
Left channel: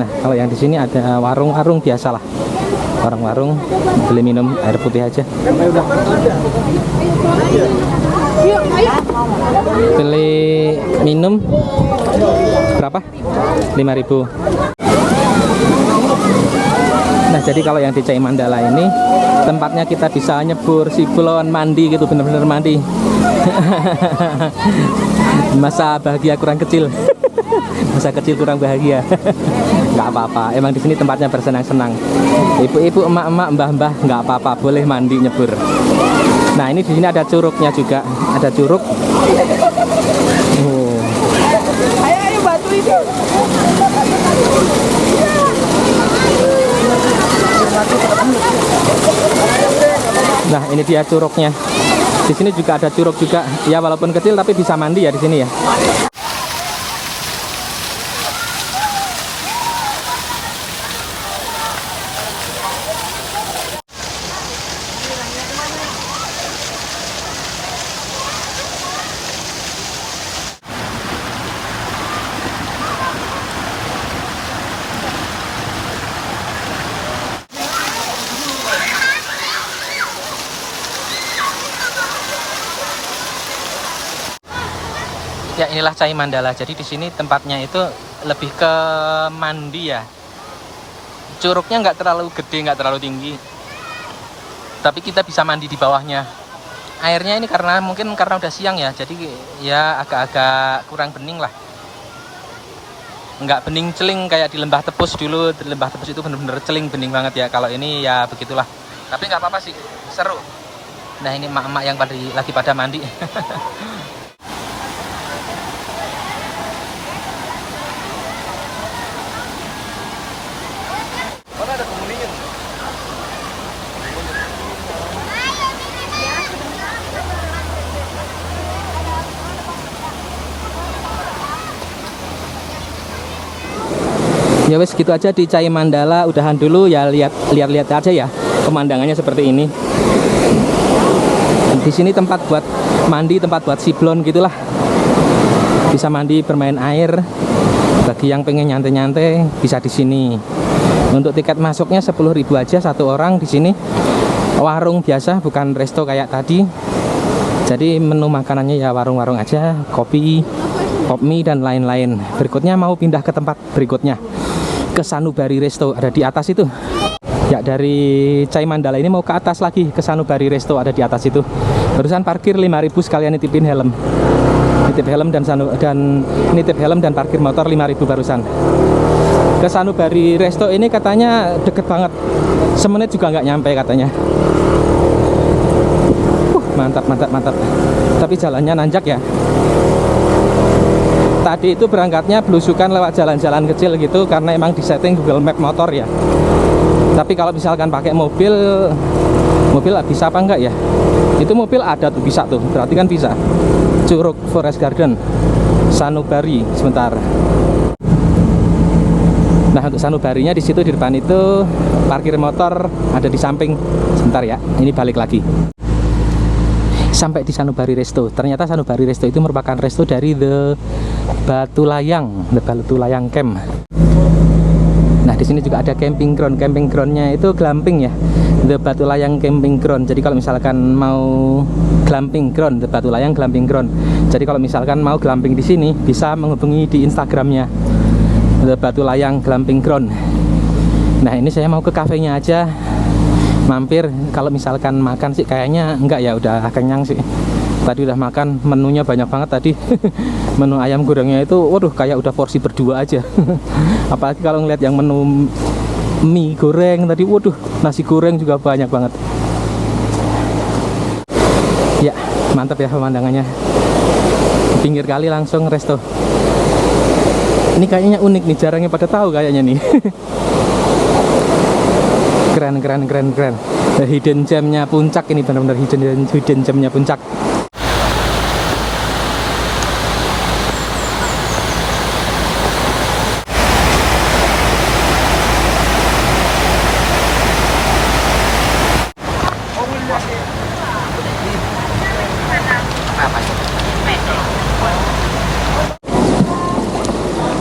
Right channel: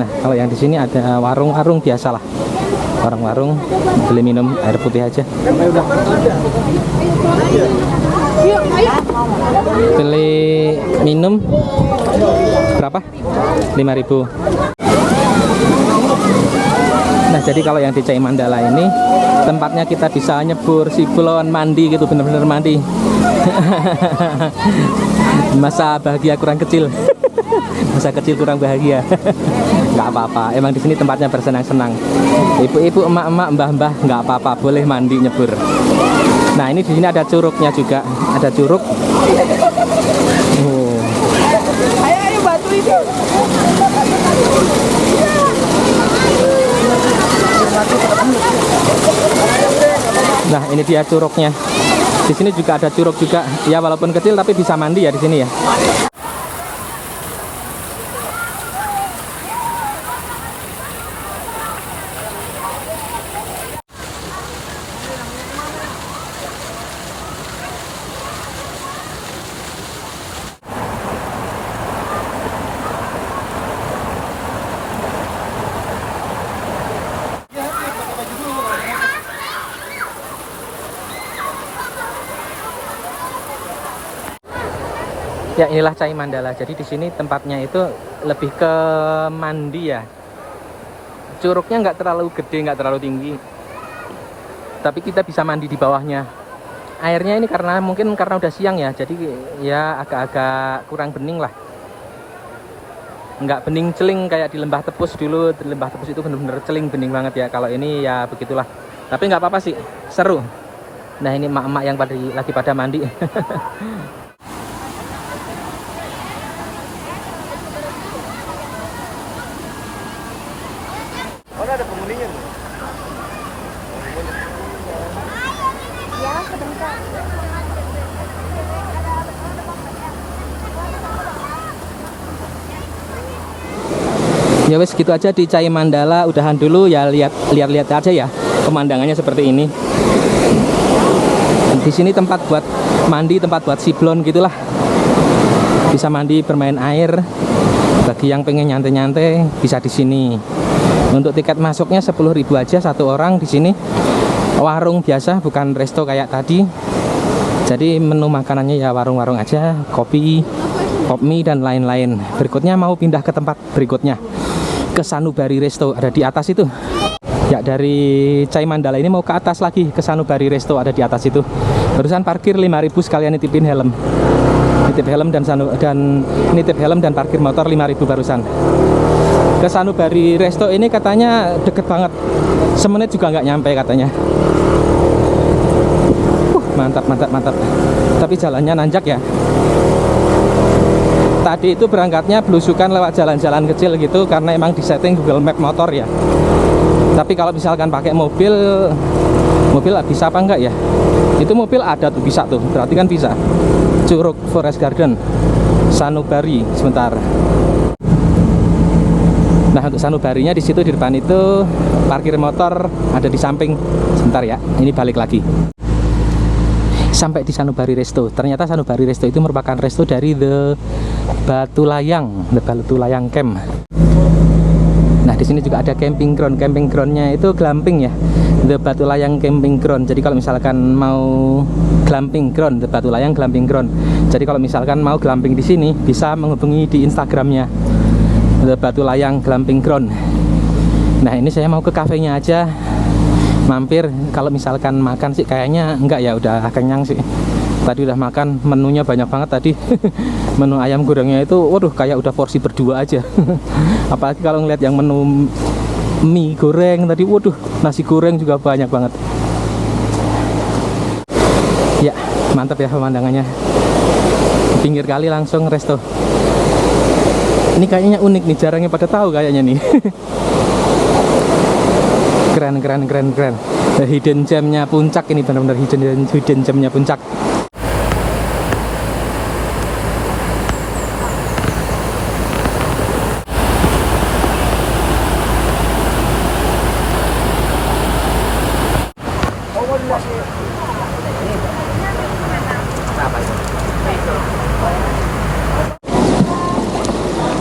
Nah, kalau yang di sini ada warung-warung biasa lah. Warung-warung, beli minum air putih aja. Beli minum berapa? 5.000. Nah, jadi kalau yang di Cai Mandala ini tempatnya kita bisa nyebur, siblon, mandi gitu, bener-bener mandi. Masa bahagia kurang kecil. Masa kecil kurang bahagia. Nggak apa-apa, emang di sini tempatnya bersenang-senang. Ibu-ibu, emak-emak, mbah-mbah, nggak apa-apa, boleh mandi nyebur. Nah, ini di sini ada curugnya juga, ada curug. Oh. Ayo batu itu. Nah, ini dia curugnya. Di sini juga ada curug juga. Ya walaupun kecil tapi bisa mandi ya di sini ya. Ya inilah Cai Mandala. Jadi di sini tempatnya itu lebih ke mandi ya. Curugnya nggak terlalu gede, nggak terlalu tinggi. Tapi kita bisa mandi di bawahnya. Airnya ini mungkin karena udah siang ya, jadi ya agak-agak kurang bening lah. Nggak bening celing kayak di Lembah Tepus dulu. Di Lembah Tepus itu bener-bener celing bening banget ya. Kalau ini ya begitulah. Tapi nggak apa-apa sih, seru. Nah ini emak-emak yang lagi pada mandi. Mana ada penghuninya? Ya wes gitu aja di Cai Mandala. Udahan dulu ya, lihat aja ya pemandangannya seperti ini. Di sini tempat buat mandi, tempat buat siblon gitulah. Bisa mandi, bermain air. Bagi yang pengen nyantai-nyantai bisa di sini. Untuk tiket masuknya 10.000 aja satu orang di sini. Warung biasa, bukan resto kayak tadi. Jadi menu makanannya ya warung-warung aja, kopi, pop mie dan lain-lain. Berikutnya mau pindah ke tempat berikutnya, ke Sanubari Resto, ada di atas itu. Ya dari Cai Mandala ini mau ke atas lagi, ke Sanubari Resto, ada di atas itu. Barusan parkir 5.000 sekalian nitipin helm. Nitip helm nitip helm dan parkir motor 5.000 barusan. Ke Sanubari Resto ini katanya deket banget, semenit juga nggak nyampe katanya. Mantap. Tapi jalannya nanjak ya. Tadi itu berangkatnya belusukan lewat jalan-jalan kecil gitu karena emang disetting Google Map motor ya. Tapi kalau misalkan pakai mobil bisa apa enggak ya? Itu mobil ada tuh, bisa tuh, berarti kan bisa. Curug Forest Garden Sanubari sebentar. Nah untuk Sanubarinya di situ di depan itu parkir motor ada di samping. Sebentar ya, ini balik lagi. Sampai di Sanubari Resto. Ternyata Sanubari Resto itu merupakan resto dari The Batu Layang Camp. Nah di sini juga ada camping ground. Camping groundnya itu glamping ya, The Batu Layang Camping Ground. Jadi kalau misalkan mau glamping ground, The Batu Layang Glamping Ground. Jadi kalau misalkan mau glamping di sini bisa menghubungi di Instagramnya, The Batu Layang Glamping Ground. Nah ini saya mau ke kafenya aja, mampir. Kalau misalkan makan sih kayaknya enggak ya, udah kenyang sih. Tadi udah makan, menunya banyak banget tadi. Menu ayam gorengnya itu, waduh kayak udah porsi berdua aja. Apalagi kalau ngeliat yang menu mie goreng tadi, waduh nasi goreng juga banyak banget. Ya mantap ya pemandangannya. Di pinggir kali langsung resto. Ini kayaknya unik nih, jarangnya pada tahu kayaknya nih. Keren. Hidden gemnya puncak ini, benar-benar hidden gemnya puncak.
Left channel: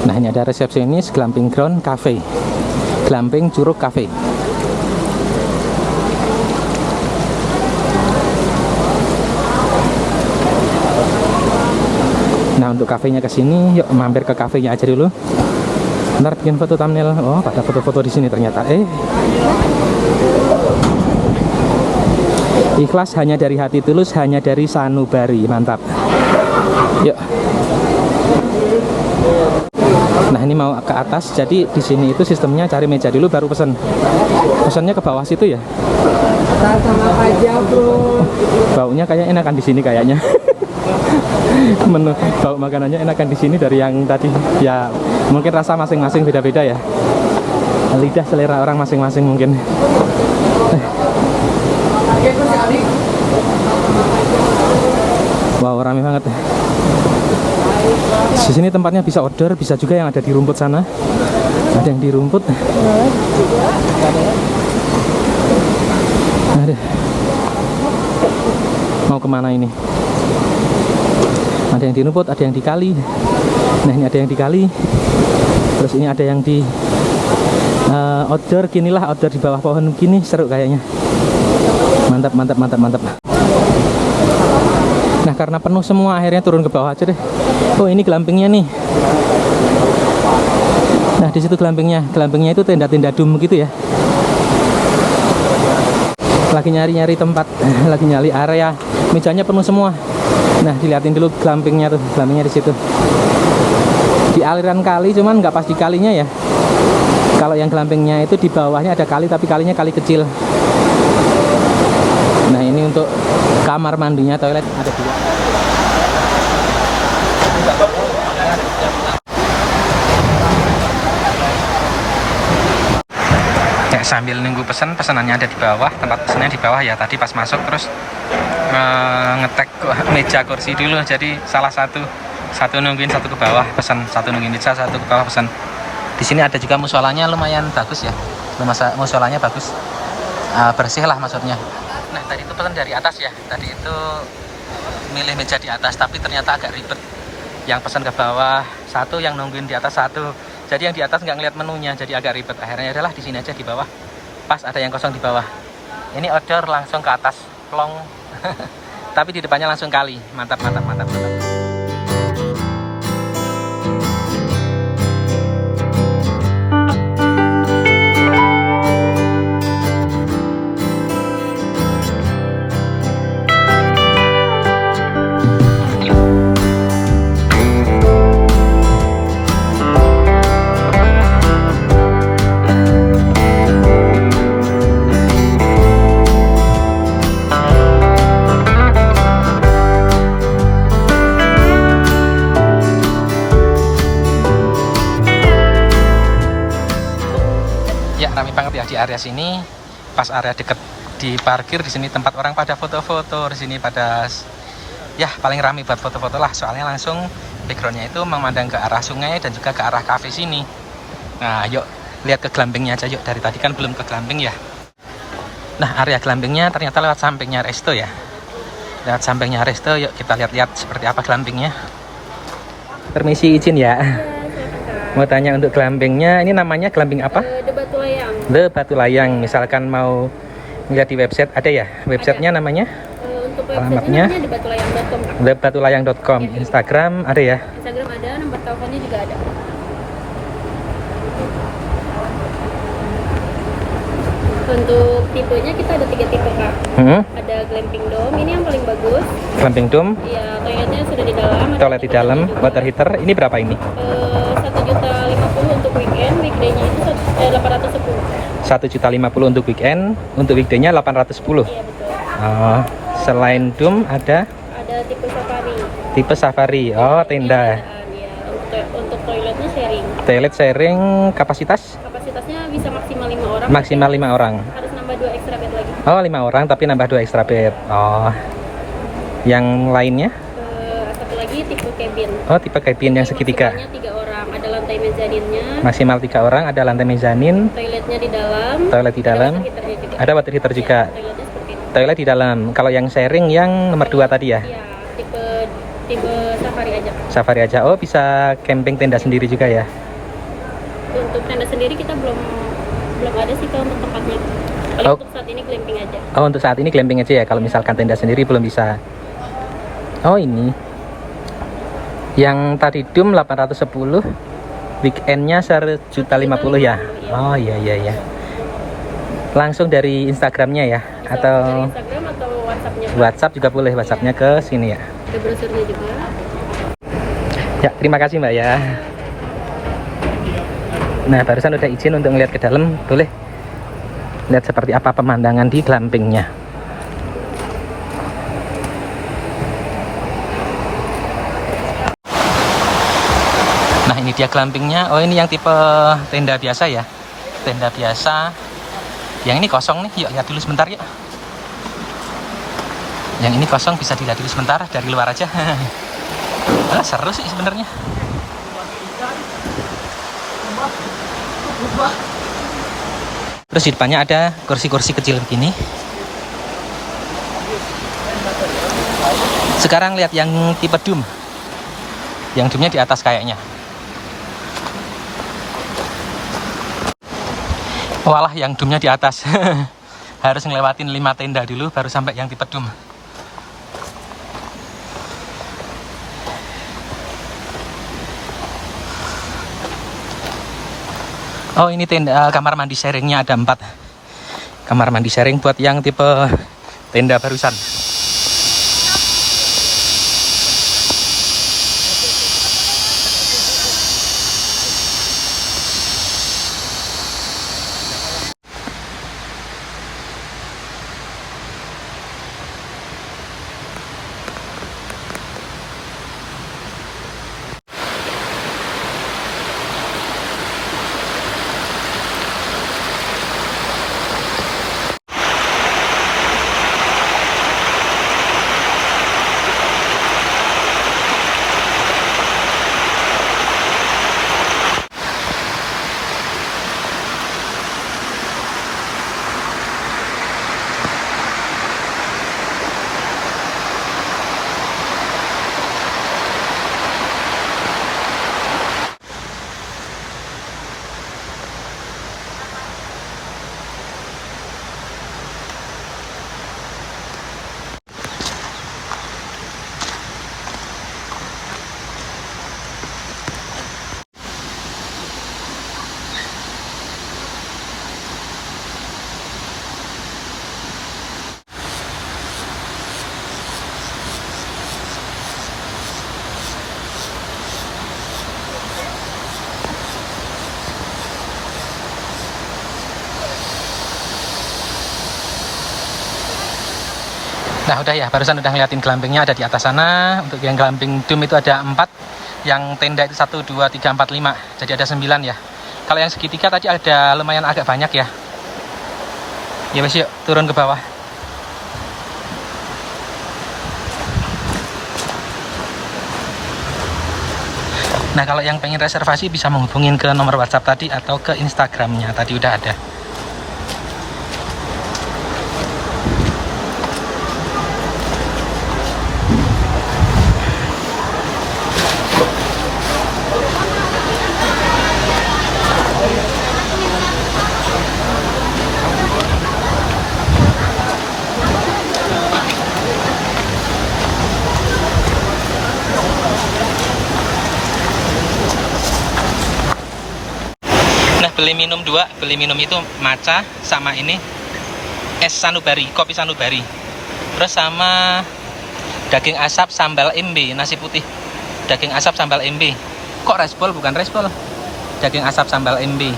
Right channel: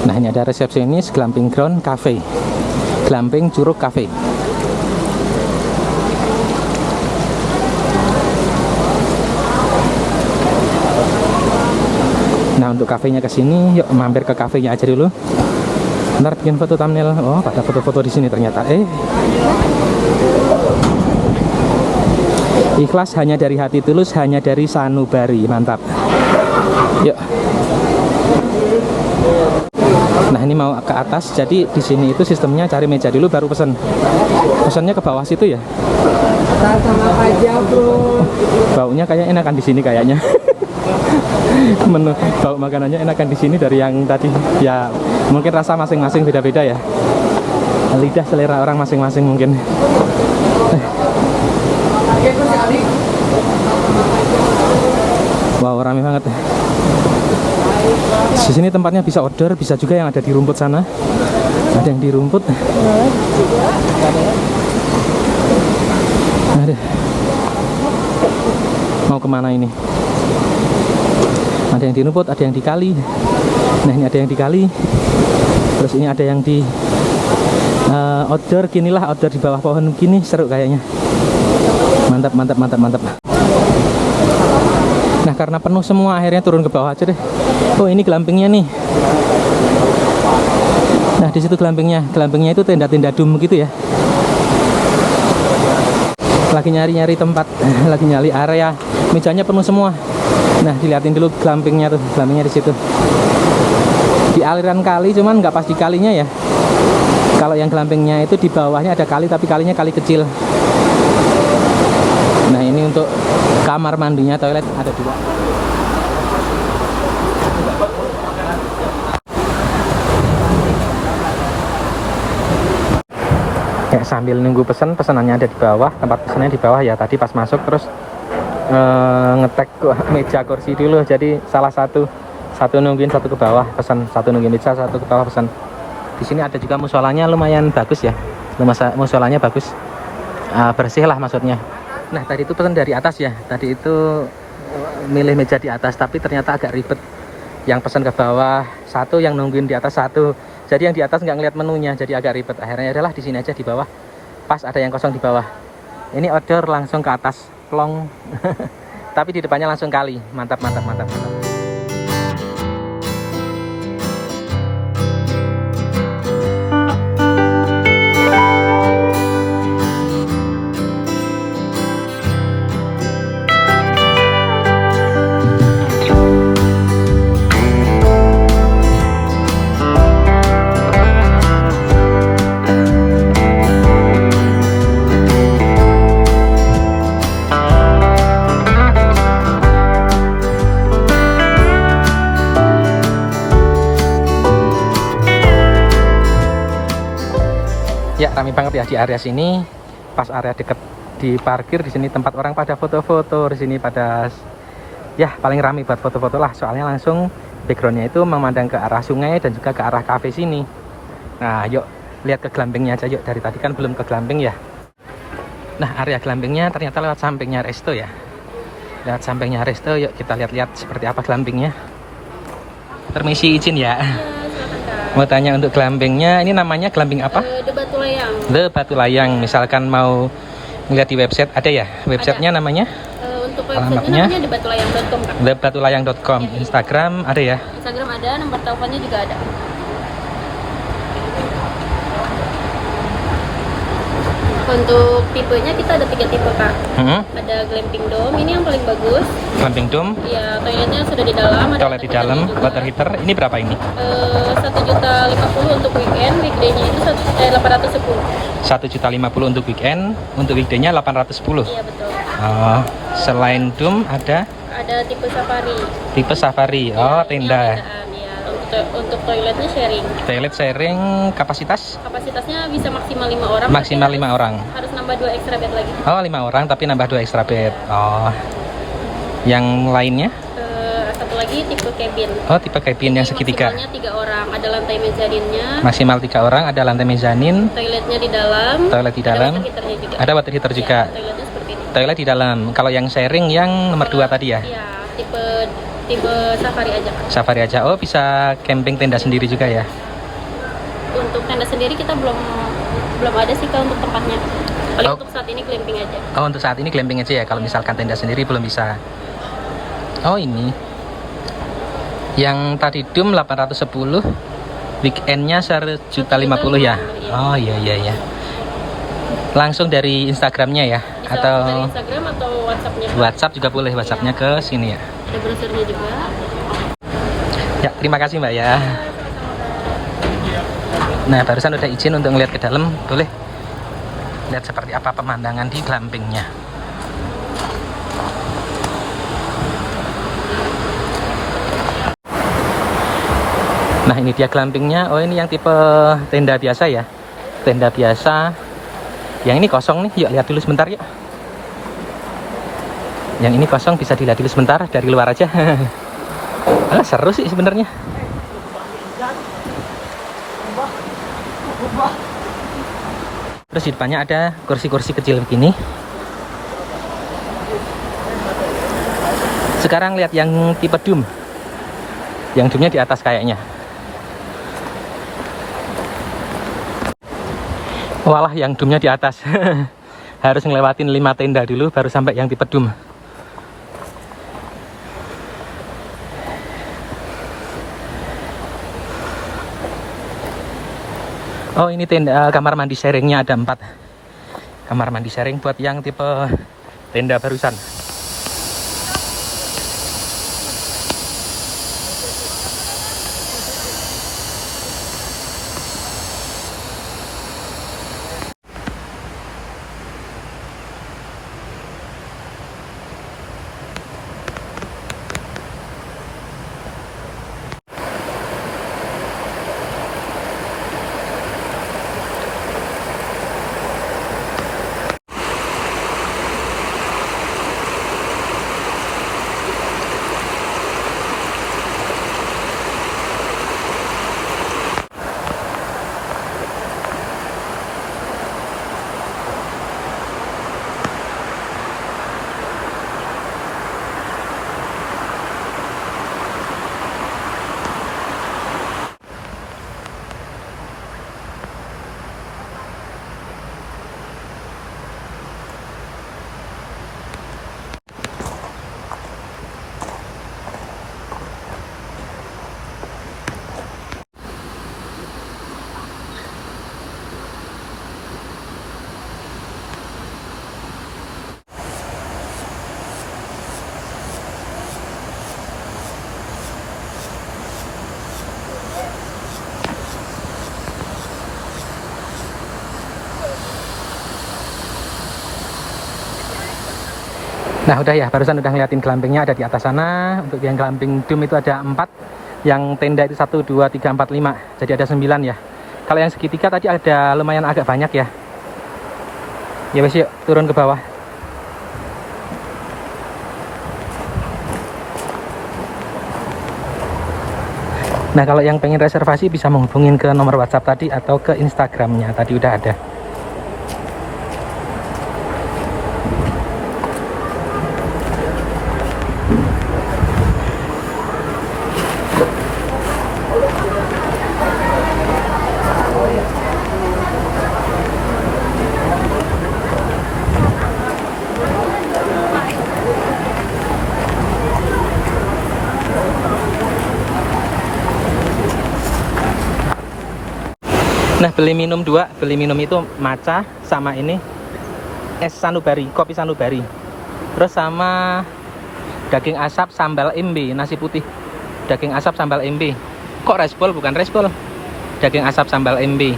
Nah ini ada resepsionis Glamping Ground Cafe, Glamping Curug Cafe. Nah untuk kafenya ke sini, yuk mampir ke kafenya aja dulu. Ntar bikin foto thumbnail. Oh pada foto-foto di sini ternyata. Ikhlas hanya dari hati tulus, hanya dari Sanubari. Mantap. Yuk. Nah ini mau ke atas, jadi di sini itu sistemnya cari meja dulu baru pesen. Pesannya ke bawah situ ya. Sama aja bro. Baunya kayaknya enakan di sini kayaknya. Menu bau makanannya enakan di sini dari yang tadi. Ya mungkin rasa masing-masing beda-beda ya. Lidah selera orang masing-masing mungkin. Wow, rame banget. Di sini tempatnya bisa order, bisa juga yang ada di rumput sana. Ada yang di rumput. Ada. Mau kemana ini? Ada yang di rumput, ada yang di kali. Nah, ini ada yang di kali. Terus ini ada yang di outdoor. Ginilah outdoor di bawah pohon gini, seru kayaknya. Mantap, mantap, mantap, mantap. Nah, karena penuh semua akhirnya turun ke bawah aja deh. Oh, ini glampingnya nih. Nah, di situ glampingnya. Glampingnya itu tenda-tenda dum gitu ya. Lagi nyari-nyari tempat, lagi nyari area. Mejanya penuh semua. Nah, dilihatin dulu glampingnya tuh. Glampingnya di situ. Di aliran kali, cuman nggak pas di kalinya ya. Kalau yang glampingnya itu di bawahnya ada kali, tapi kalinya kali kecil. Nah, ini untuk kamar mandinya, toilet ada 2. Ya, sambil nunggu pesanannya ada di bawah, tempat pesannya di bawah ya. Tadi pas masuk terus ngetek meja kursi dulu. Jadi salah satu nungguin, satu ke bawah pesan, satu nungguin meja, satu ke bawah pesan. Di sini ada juga musolanya, lumayan bagus ya. Musolanya bagus, bersih lah maksudnya. Nah, tadi itu pesan dari atas ya. Tadi itu milih meja di atas, tapi ternyata agak ribet. Yang pesan ke bawah satu, yang nungguin di atas satu. Jadi yang di atas nggak ngeliat menunya, jadi agak ribet. Akhirnya adalah di sini aja di bawah. Pas ada yang kosong di bawah. Ini order langsung ke atas, plong. Tapi di depannya langsung kali. Mantap, mantap, mantap, mantap. Ya, ramai banget ya di area sini. Pas area deket di parkir di sini tempat orang pada foto-foto di sini pada ya paling ramai buat foto-foto lah. Soalnya langsung backgroundnya itu memandang ke arah sungai dan juga ke arah kafe sini. Nah, yuk lihat ke glampingnya aja yuk. Dari tadi kan belum ke glamping ya. Nah, area glampingnya ternyata lewat sampingnya resto ya. Lewat sampingnya resto, yuk kita lihat-lihat seperti apa glampingnya. Permisi izin ya. Mau tanya untuk glampingnya, ini namanya glamping apa? The Batu Layang. The Batu Layang. Misalkan mau lihat di website ada ya? Websitenya namanya? Untuk alamatnya websitenya namanya thebatulayang.com, Kak. thebatulayang.com. Instagram ada ya? Instagram ada, nomor teleponnya juga ada. Untuk tipenya kita ada 3 tipe, Kak. Ada glamping dome, ini yang paling bagus. Glamping dome? Ya, toiletnya sudah di dalam. Toilet di dalam, water heater. Ini berapa ini? 1.050.000 untuk weekend, weekday-nya itu 810. 1.050.000 untuk weekend, untuk weekday-nya 810. Iya, betul. Selain dome ada tipe safari. Tipe safari. Oh, tenda. Ya, untuk toiletnya sharing. Toilet sharing kapasitas? Kapasitasnya bisa maksimal 5 orang. Maksimal 5 orang. Harus nambah 2 extra bed lagi. Oh, 5 orang tapi nambah 2 extra bed. Oh. Yang lainnya? Satu lagi tipe cabin. Oh, tipe cabin yang segitiga. Maksimalnya 3 orang. Ada lantai mezaninnya. Maksimal 3 orang, ada lantai mezanin. Toiletnya di dalam. Toilet di dalam. Ada water heater juga. Ya, toiletnya seperti ini. Toilet di dalam. Kalau yang sharing yang nomor 2 tadi ya? Iya, tipe safari aja. Safari aja. Oh, bisa camping tenda sendiri juga ya? Untuk tenda sendiri kita belum ada sih kalau untuk tempatnya. Kalau untuk saat ini glamping aja. Oh, untuk saat ini glamping aja ya. Kalau misalkan tenda sendiri belum bisa. Oh, ini. Yang tadi dum 810, weekendnya 1.050 ya. Oh, iya. Langsung dari Instagramnya ya? Bisa Atau dari Instagram atau WhatsApp-nya. WhatsApp juga boleh, WhatsApp-nya ke sini ya. Ada brosurnya juga. Ya, terima kasih Mbak ya. Nah, barusan udah izin untuk ngeliat ke dalam, boleh lihat seperti apa pemandangan di glampingnya. Nah, ini dia glampingnya. Oh, ini yang tipe tenda biasa ya. Tenda biasa. Yang ini kosong nih. Yuk lihat dulu sebentar yuk. Yang ini kosong, bisa dilihat dulu sebentar dari luar aja. Seru sih sebenarnya. Terus di depannya ada kursi-kursi kecil begini. Sekarang lihat yang tipe dome. Yang dome-nya di atas kayaknya. Walah, yang dome-nya di atas. Harus ngelewatin 5 tenda dulu baru sampai yang tipe dome. Oh, ini tenda kamar mandi sharingnya ada 4. Kamar mandi sharing buat yang tipe tenda barusan. Nah udah ya, barusan udah ngeliatin glampingnya ada di atas sana. Untuk yang glamping dome itu ada 4. Yang tenda itu 1, 2, 3, 4, 5. Jadi ada 9 ya. Kalau yang segitiga tadi ada lumayan agak banyak ya. Ya wes, yuk turun ke bawah. Nah kalau yang pengen reservasi bisa menghubungin ke nomor WhatsApp tadi atau ke Instagramnya tadi udah ada. Nah beli minum 2, beli minum itu matcha sama ini es sanubari, kopi sanubari. Terus sama daging asap sambal embe, nasi putih. Daging asap sambal embe. Kok resbol bukan resbol? Daging asap sambal embe.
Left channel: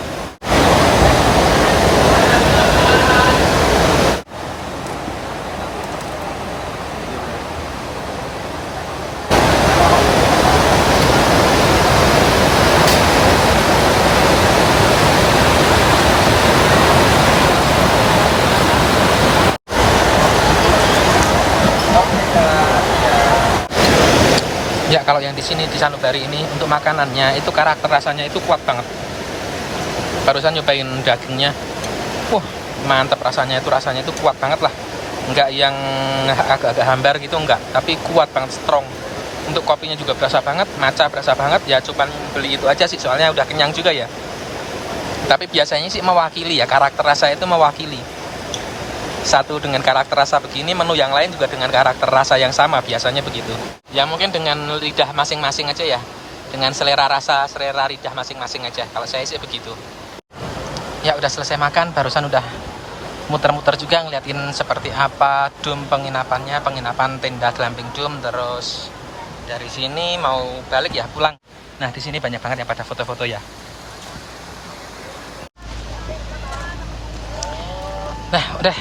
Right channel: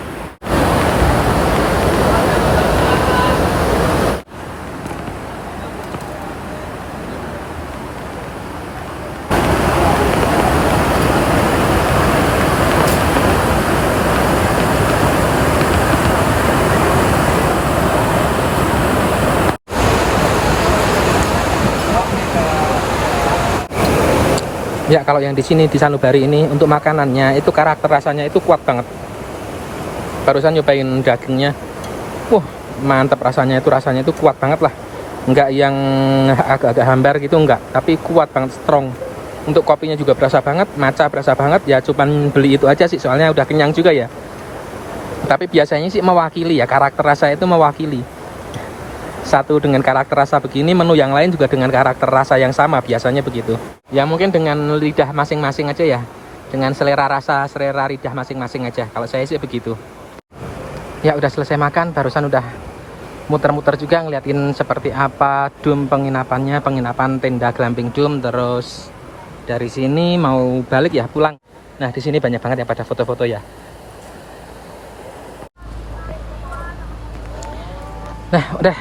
Ya kalau yang di sini di sanubari ini untuk makanannya itu karakter rasanya itu kuat banget. Barusan nyobain dagingnya, wah mantap rasanya itu kuat banget lah. Enggak yang agak-agak hambar gitu enggak, tapi kuat banget, strong. Untuk kopinya juga berasa banget, matcha berasa banget. Ya cuman beli itu aja sih, soalnya udah kenyang juga ya. Tapi biasanya sih mewakili ya, karakter rasa itu mewakili. Satu dengan karakter rasa begini, menu yang lain juga dengan karakter rasa yang sama, biasanya begitu. Ya mungkin dengan lidah masing-masing aja ya, dengan selera rasa, selera lidah masing-masing aja. Kalau saya sih begitu. Ya udah selesai makan, barusan udah muter-muter juga ngeliatin seperti apa dome penginapannya, penginapan tenda glamping dome. Terus dari sini mau balik ya, pulang. Nah di sini banyak banget yang pada foto-foto ya. Nah udah,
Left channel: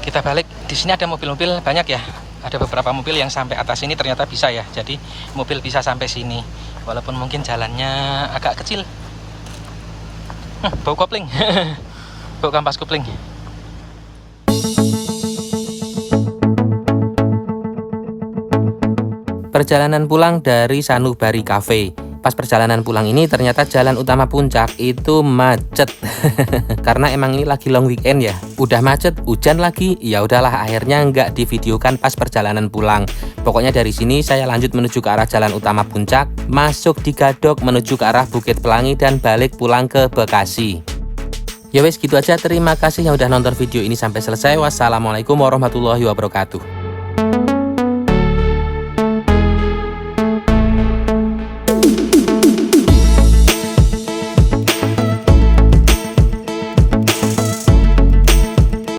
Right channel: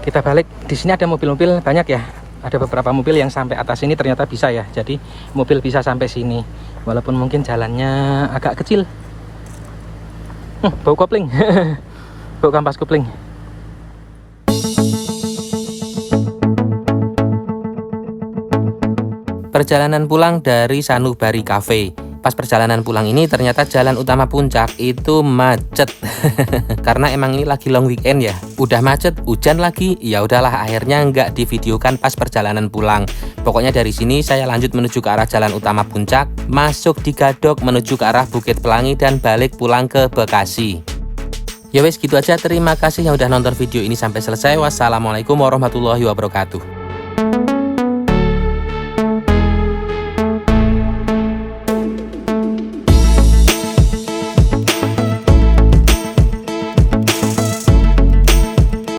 kita balik. Di sini ada mobil-mobil banyak ya. Ada beberapa mobil yang sampai atas ini ternyata bisa ya. Jadi mobil bisa sampai sini. Walaupun mungkin jalannya agak kecil. Bau kopling. Bau kampas kopling. Perjalanan pulang dari Sanubari Cafe. Pas perjalanan pulang ini ternyata jalan utama Puncak itu macet. Karena emang ini lagi long weekend ya. Udah macet, hujan lagi. Ya udahlah, akhirnya nggak divideokan pas perjalanan pulang. Pokoknya dari sini saya lanjut menuju ke arah jalan utama Puncak, masuk di Gadok menuju ke arah Bukit Pelangi dan balik pulang ke Bekasi. Ya wes gitu aja, terima kasih yang udah nonton video ini sampai selesai. Wassalamualaikum warahmatullahi wabarakatuh.